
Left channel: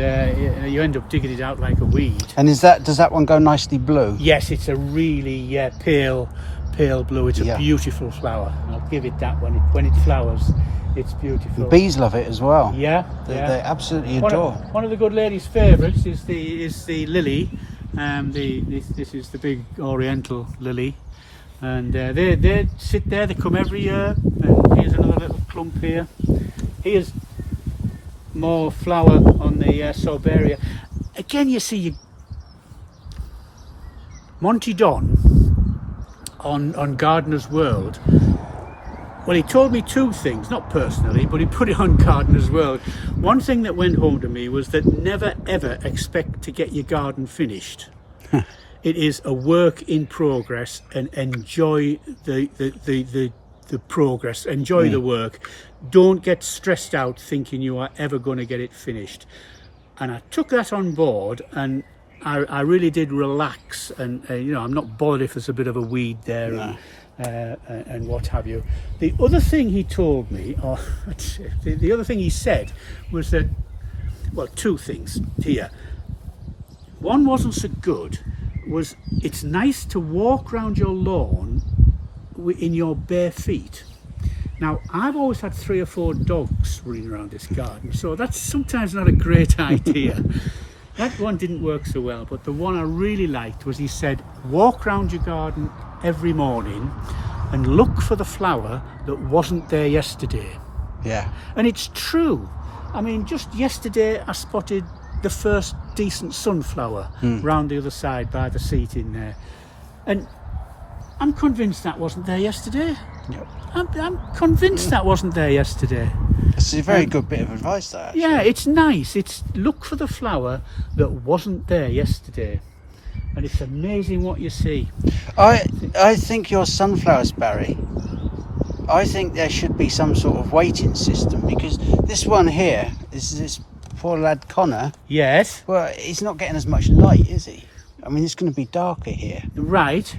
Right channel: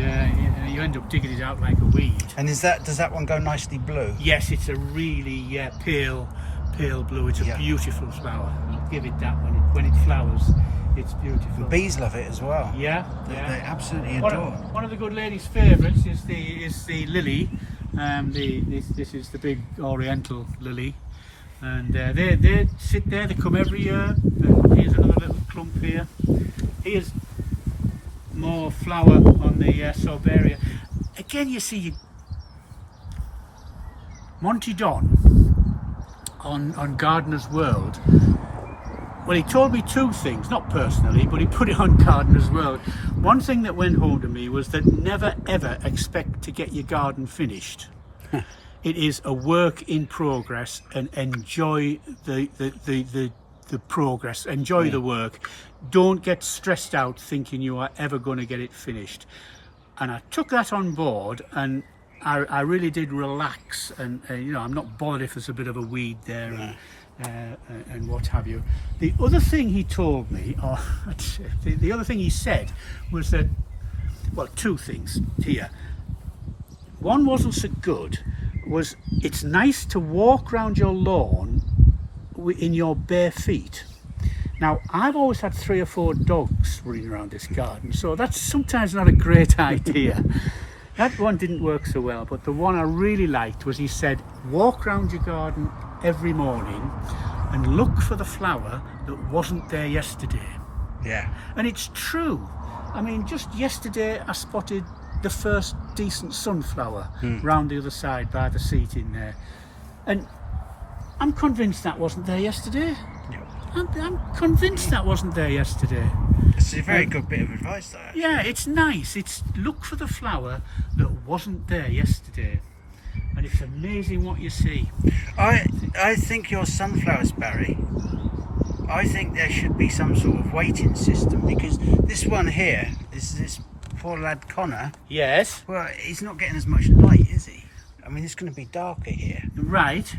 you end up digging it out like a weed. And does that one go nicely blue? Yes, it's a really pale blue. It's a beautiful flower. I'll give it that when it flowers. It's beautiful. Bees love it as well. Yeah, They absolutely adore. One of the good lady's favourites is the lily. This is the big oriental lily, and they sit there. They come every year. And here's another little clump here. Here's more flower on the Sorbaria. Again, you see Monty Don on Gardener's World. Well, he told me two things, not personally, but he put it on Gardener's World. One thing that went home to me was that never ever expect to get your garden finished. It is a work in progress, and enjoy the progress, enjoy the work. Don't get stressed out thinking you are ever going to get it finished. And I took that on board, and I really did relax, and I'm not bothered if there's a bit of a weed there. And what have you. The other thing he told me, or the other thing he said, was that, well, two things here. One wasn't so good, was it's nice to walk around your lawn in your bare feet. Now, I've always had 3 or 4 dogs running around this garden, so that's sometimes not a great idea. That one didn't work so well, but the one I really liked was he said, walk around your garden every morning and look for the flower that wasn't there yesterday. Yeah. And it's true. I mean, just yesterday I spotted the first decent sunflower round the other side by the seat in there, and I'm convinced that wasn't there yesterday. Yep. I'm convinced that wasn't there yesterday. It's a very good bit of advice, that. Actually. Yeah, it's nice. It's look for the flower that wasn't there yesterday, and it's amazing what you see. I think your sunflowers, Barry, I think there should be some sort of weighting system, because this one here is this poor lad Connor. Yes. Well, he's not getting as much light, is he? I mean, it's going to be darker here. Right.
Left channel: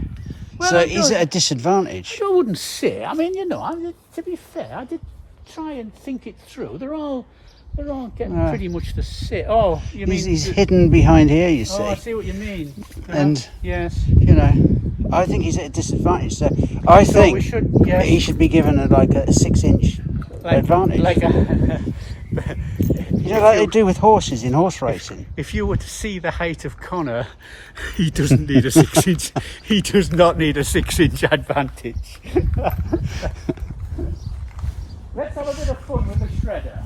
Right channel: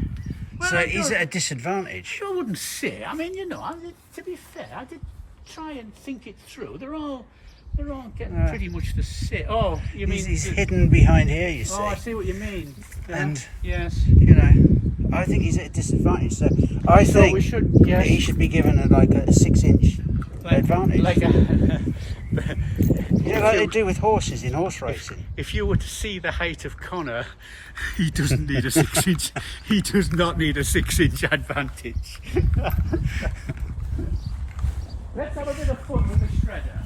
Well, So he's at a disadvantage. I wouldn't say. I mean, to be fair, I did try and think it through. They're all getting pretty much the same. Oh, you mean He's hidden behind here, you see. Oh, I see what you mean. And yes, I think he's at a disadvantage. So I think yes. he should be given a 6-inch advantage. Like they do with horses in horse racing. If you were to see the height of Connor, he doesn't need a 6-inch. He does not need a 6-inch advantage. Let's have a bit of fun with the shredder.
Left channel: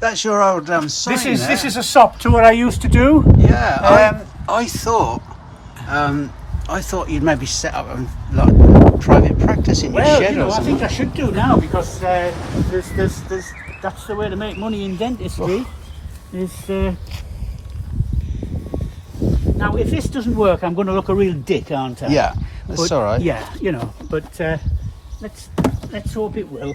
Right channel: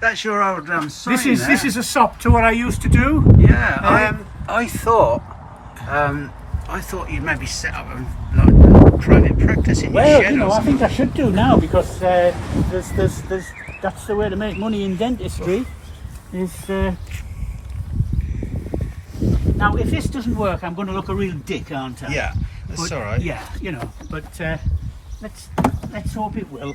That's your old sign. This is a sop to what I used to do. Yeah, I thought you'd maybe set up a private bit of practice in your Well, shed you know, or I something. think I should do now because that's the way to make money in dentistry. Now, if this doesn't work, I'm going to look a real dick, aren't I? Yeah, that's all right. Yeah, you know, but let's hope it will.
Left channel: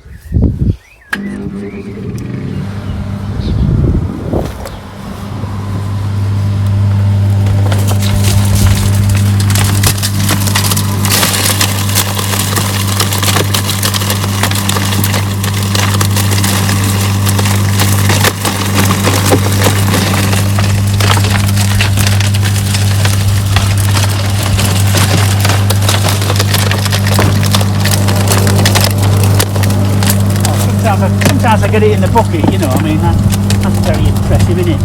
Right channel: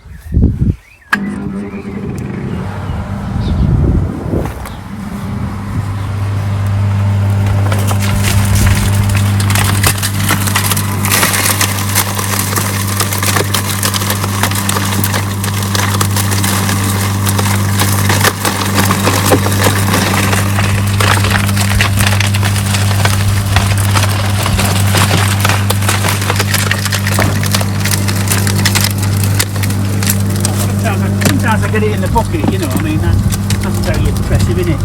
Sometimes I get it in the bucket, you know, I mean, that's very impressive, isn't it?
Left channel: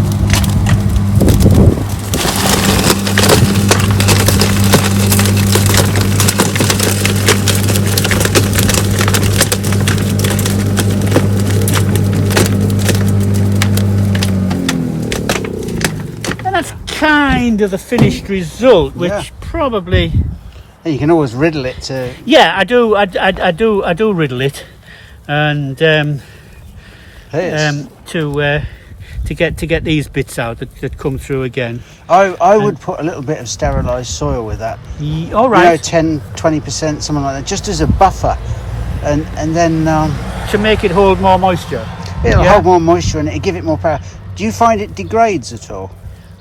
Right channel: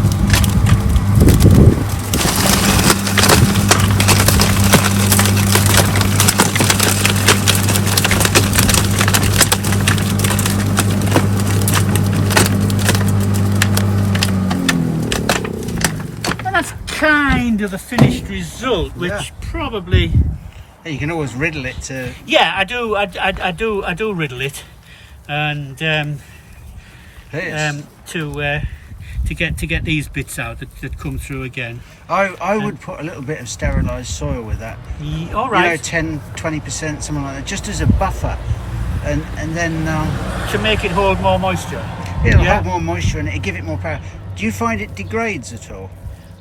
And that's kind of the finished result, which probably... And you can always riddle it to... Yeah, I do riddle it. And to get these bits out that come through again. I would put a little bit of sterilised soil with that. All right. You know, 10-20%, something like that, just as a buffer, and then to make it hold more moisture. it'll hold more moisture and it'll give it more power. Do you find it degrades at all?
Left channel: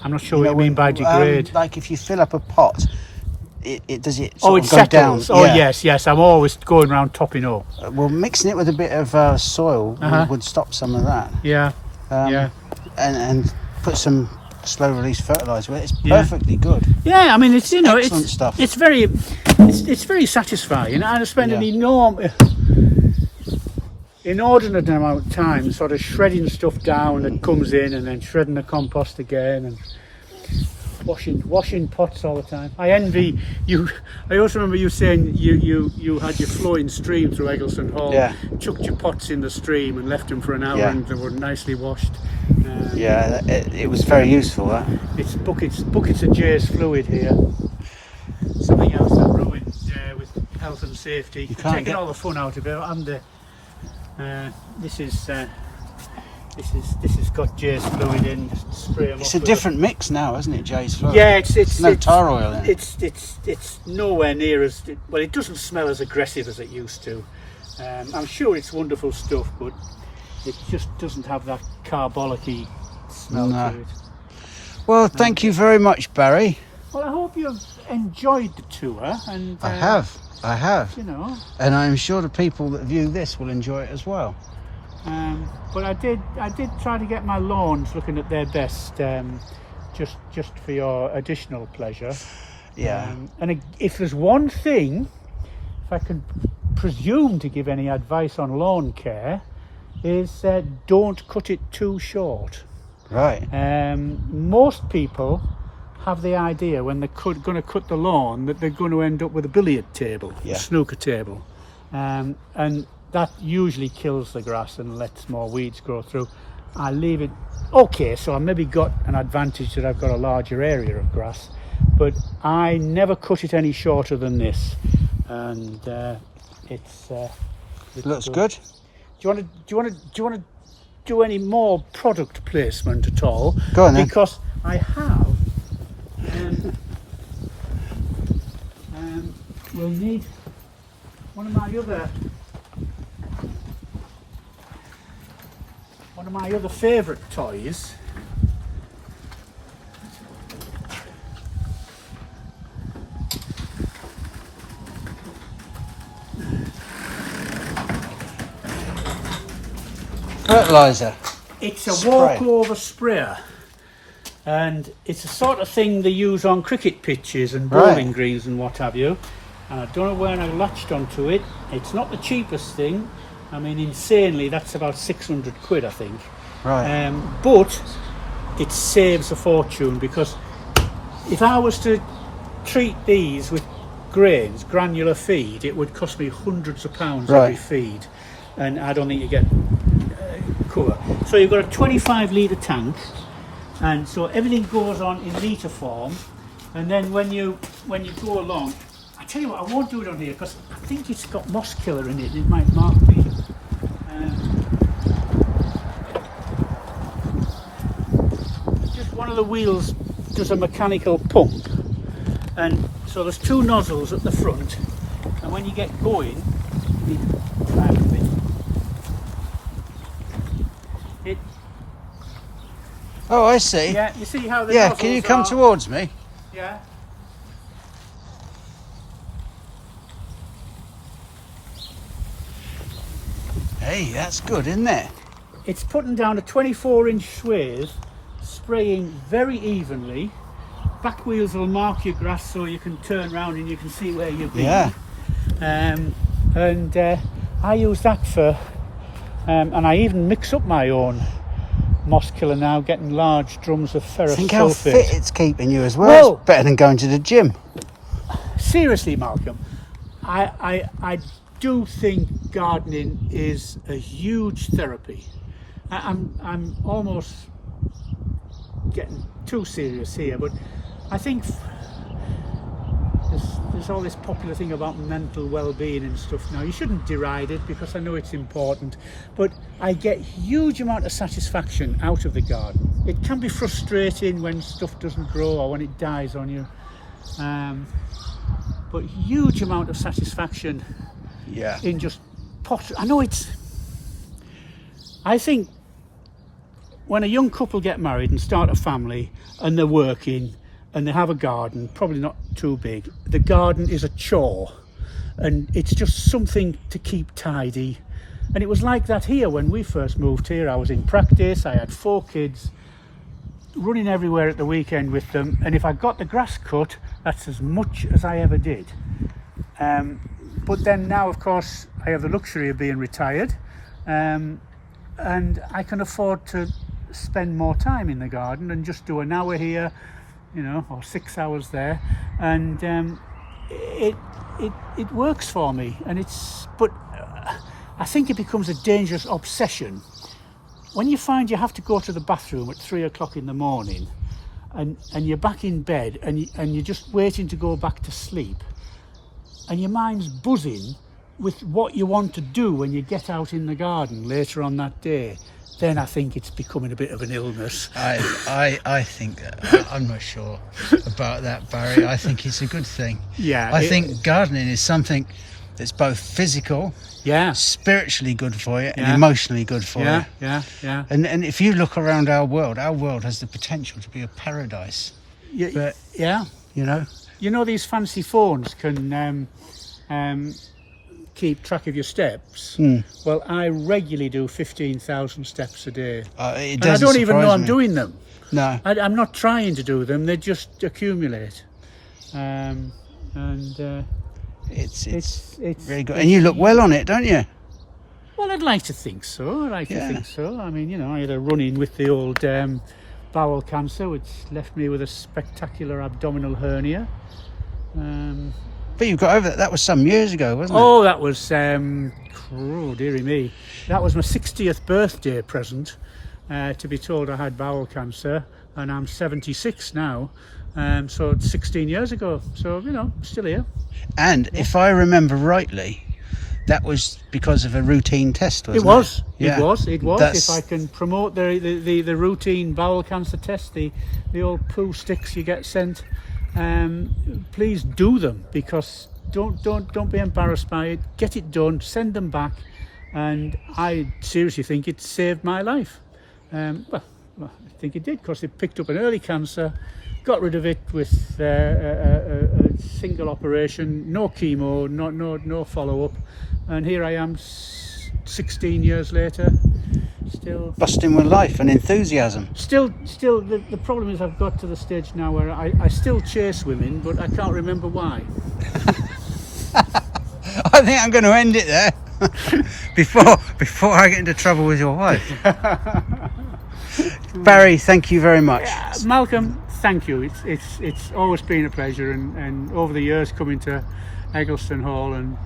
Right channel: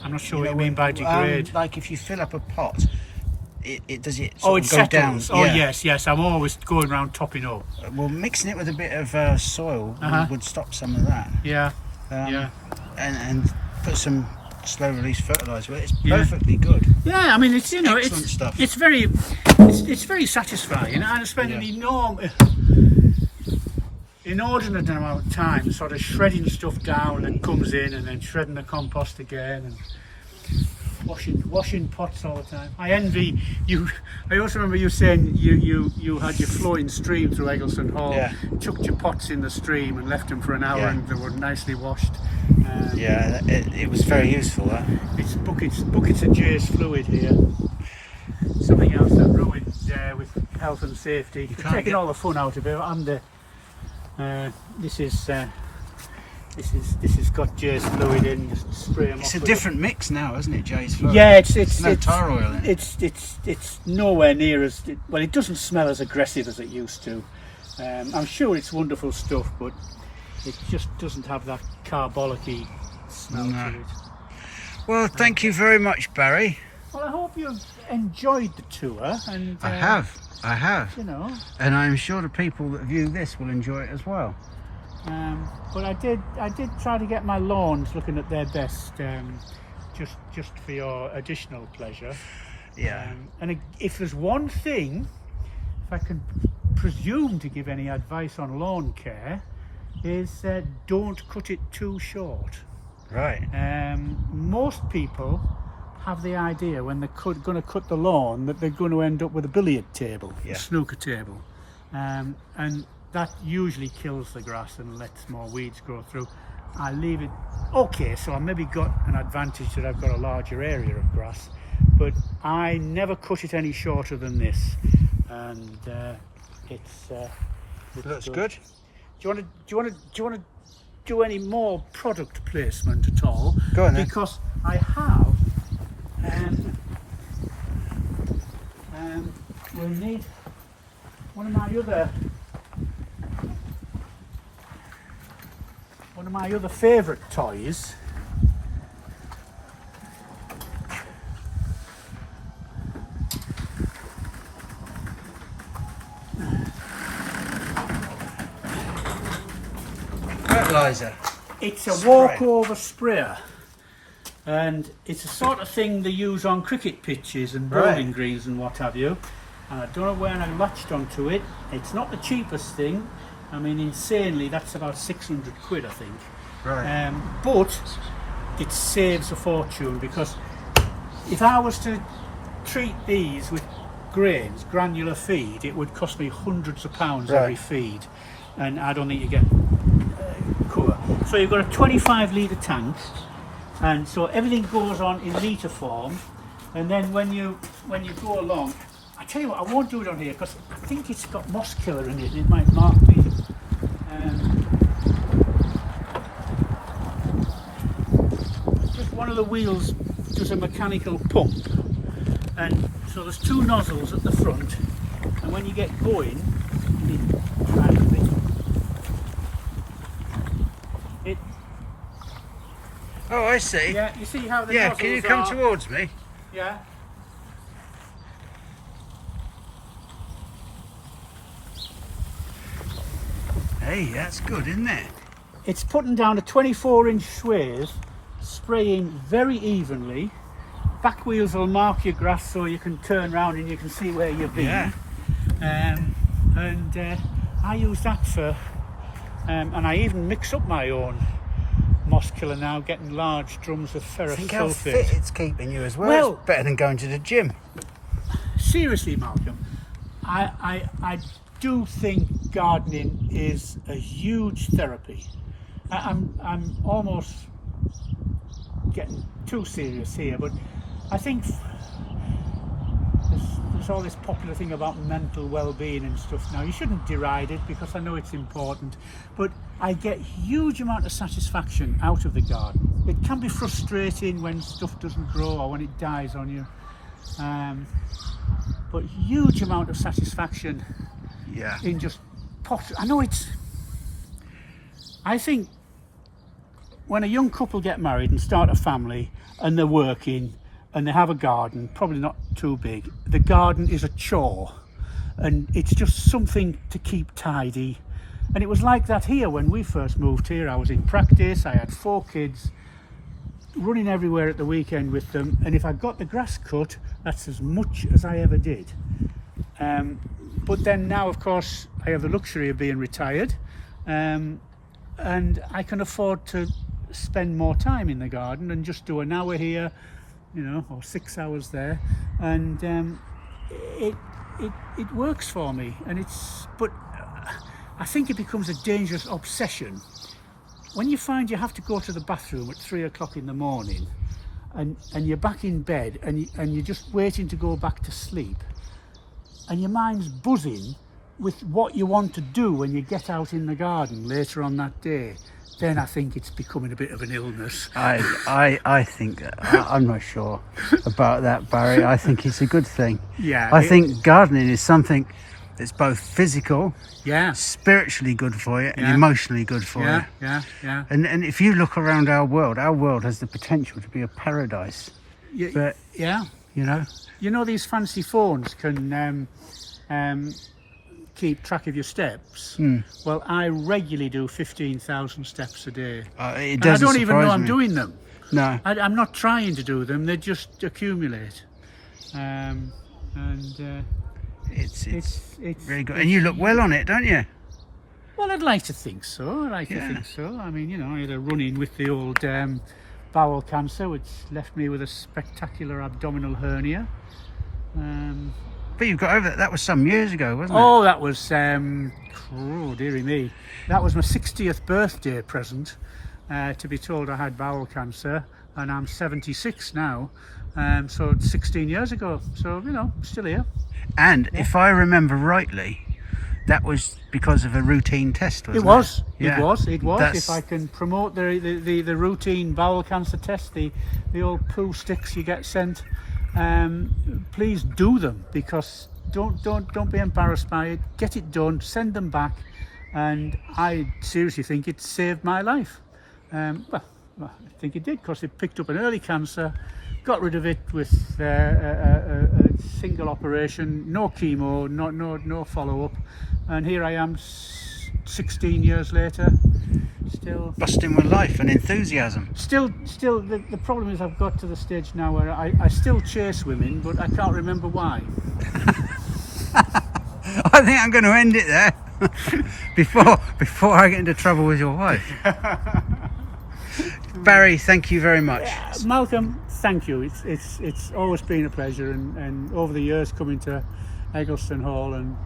I'm not sure what you mean by degrade. Like if you fill up a pot, it does it sort it of go down? settles. Oh yes, I'm always going around topping up. Well, mixing it with a bit of soil would stop some of that. Yeah. And put some slow release fertiliser with it. It's perfectly good. Yeah, I mean it's Excellent stuff. It's very satisfying. I spend an inordinate amount of time sort of shredding stuff down that comes in, and then shredding the compost again, and washing pots all the time. I envy you. I also remember you saying you had your flowing stream through Eggleston Hall, chucked your pots in the stream and left them for an hour and they were nicely washed. It was very useful. That. It's buckets of Jay's fluid here. Something else that ruined with health and safety. We're taking all the fun out of it. This has got Jay's fluid in. Just spray them It's off a different mix now, isn't it, Jay's fluid? Yeah, it's no tar oil in it. It's nowhere near as well. It doesn't smell as aggressive as it used to. I'm sure it's wonderful stuff, but it just doesn't have that carbolic-y smell to it. Well, thank you very much, Barry. Well, I hope you've enjoyed the tour, and I have. You know, and I'm sure the people that view this will enjoy it as well. but I did try to get my lawns looking at their best, just for your additional pleasure. Yeah. And if there's one thing, if I can presume to give any advice on lawn care, is don't cut it too short. Right. Most people have the idea when they're going to cut the lawn that they're going to end up with a billiard table, a snooker table, and that usually kills the grass and lets more weeds grow through. I leave it okay, so I maybe got an advantage that I've got a larger area of grass, but I never cut it any shorter than this, and it looks good. Do you want to do any more product placement at all? Go on then. Because I have. We'll need one of my other favourite toys. Fertiliser. It's a walkover sprayer, and it's the sort of thing they use on cricket pitches and bowling greens and what have you. And I don't know when I latched onto it. It's not the cheapest thing. I mean, insanely, that's about 600 quid, I think. Right. But it saves a fortune, because if I was to treat these with grains, granular feed, it would cost me hundreds of pounds every feed, and I don't think you get cover. So you've got a 25 litre tank, and so everything goes on in litre form, and then when you go along, I tell you what, I won't do it on here because I think it's got moss killer in it and it might mark me. Just one of the wheels does a mechanical pump, and so there's two nozzles at the front, and when you get going, it Oh, I see. yeah, you see how the Yeah, nozzles can you come are, towards me? yeah. Hey, that's good, isn't it? It's putting down a 24-inch swathe, spraying very evenly. Back wheels will mark your grass so you can turn around and you can see where you've been. Yeah. I use that for, and I even mix up my own moss killer now, getting large drums of ferrous Think how sulfate. fit it's keeping you as well. Well- It's better than going to the gym. Seriously, Malcolm, I do think gardening is a huge therapy. I'm almost getting too serious here, but I think there's all this popular thing about mental well-being and stuff now. You shouldn't deride it because I know it's important, but I get huge amount of satisfaction out of the garden. It can be frustrating when stuff doesn't grow or when it dies on you, but huge amount of satisfaction Yeah. in just pot. I think when a young couple get married and start a family and they're working and they have a garden, probably not too big, the garden is a chore and it's just something to keep tidy. And it was like that here when we first moved here. I was in practice, I had 4 kids, running everywhere at the weekend with them, and if I got the grass cut, that's as much as I ever did. But then now, of course, I have the luxury of being retired, and I can afford to spend more time in the garden and just do an hour here, or 6 hours there, and it works for me. And but I think it becomes a dangerous obsession when you find you have to go to the bathroom at 3 o'clock in the morning, and you're back in bed, and you're just waiting to go back to sleep, and your mind's buzzing with what you want to do when you get out in the garden later on that day. Then I think it's becoming a bit of an illness. I think I'm not sure about that, Barry. I think it's a good thing. Yeah, I think gardening is something that's both physical, yeah, spiritually good for you, and Yeah. emotionally good for yeah, you. yeah. And if you look around our world has the potential to be a paradise. But Yeah. These fancy phones can keep track of your steps. Well, I regularly do 15,000 steps a day. It And doesn't I don't even know surprise I'm me. doing them. No. I'm not trying to do them, they just accumulate. It's It's very good. And you look well on it, don't you? Well, I'd like to think so. I Yeah. think so. I mean, I had a run-in with the old bowel cancer, which left me with a spectacular abdominal hernia. But you've got over that. That was some years ago, wasn't it? Oh, that was, oh, dearie me. That was my 60th birthday present, to be told I had bowel cancer, and I'm 76 now. So it's 16 years ago. So, still here. And if I remember rightly, that was because of a routine test, wasn't it? It was. That's- If I can promote the routine bowel cancer test, the old poo sticks you get sent, please do them, because don't be embarrassed by it. Get it done, send them back, and I seriously think it saved my life. Well, I think it did, because it picked up an early cancer, got rid of it with a single operation, no chemo, no follow-up, and here I am 16 years later, still busting with life and enthusiasm. Still, the problem is I've got to the stage now where I still chase women, but I can't remember why. I think I'm going to end it there before I get into trouble with your wife. Barry, thank you very much. Malcolm, thank you. It's always been a pleasure, and over the years coming to Eggleston Hall and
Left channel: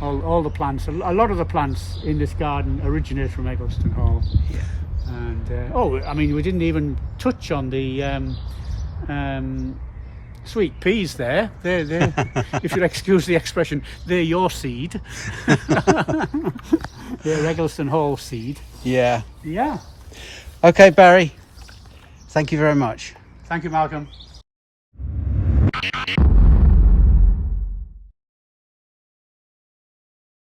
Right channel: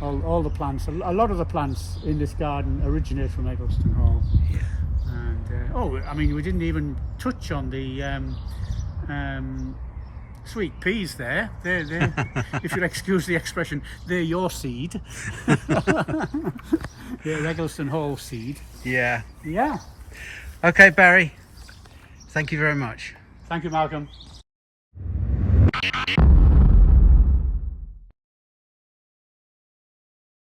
all the plants, a lot of the plants in this garden originate from Eggleston Hall. Yeah. And we didn't even touch on the sweet peas there. They're if you'll excuse the expression, they're your seed. They're Eggleston Hall seed. Yeah. Yeah. Okay, Barry. Thank you very much. Thank you, Malcolm.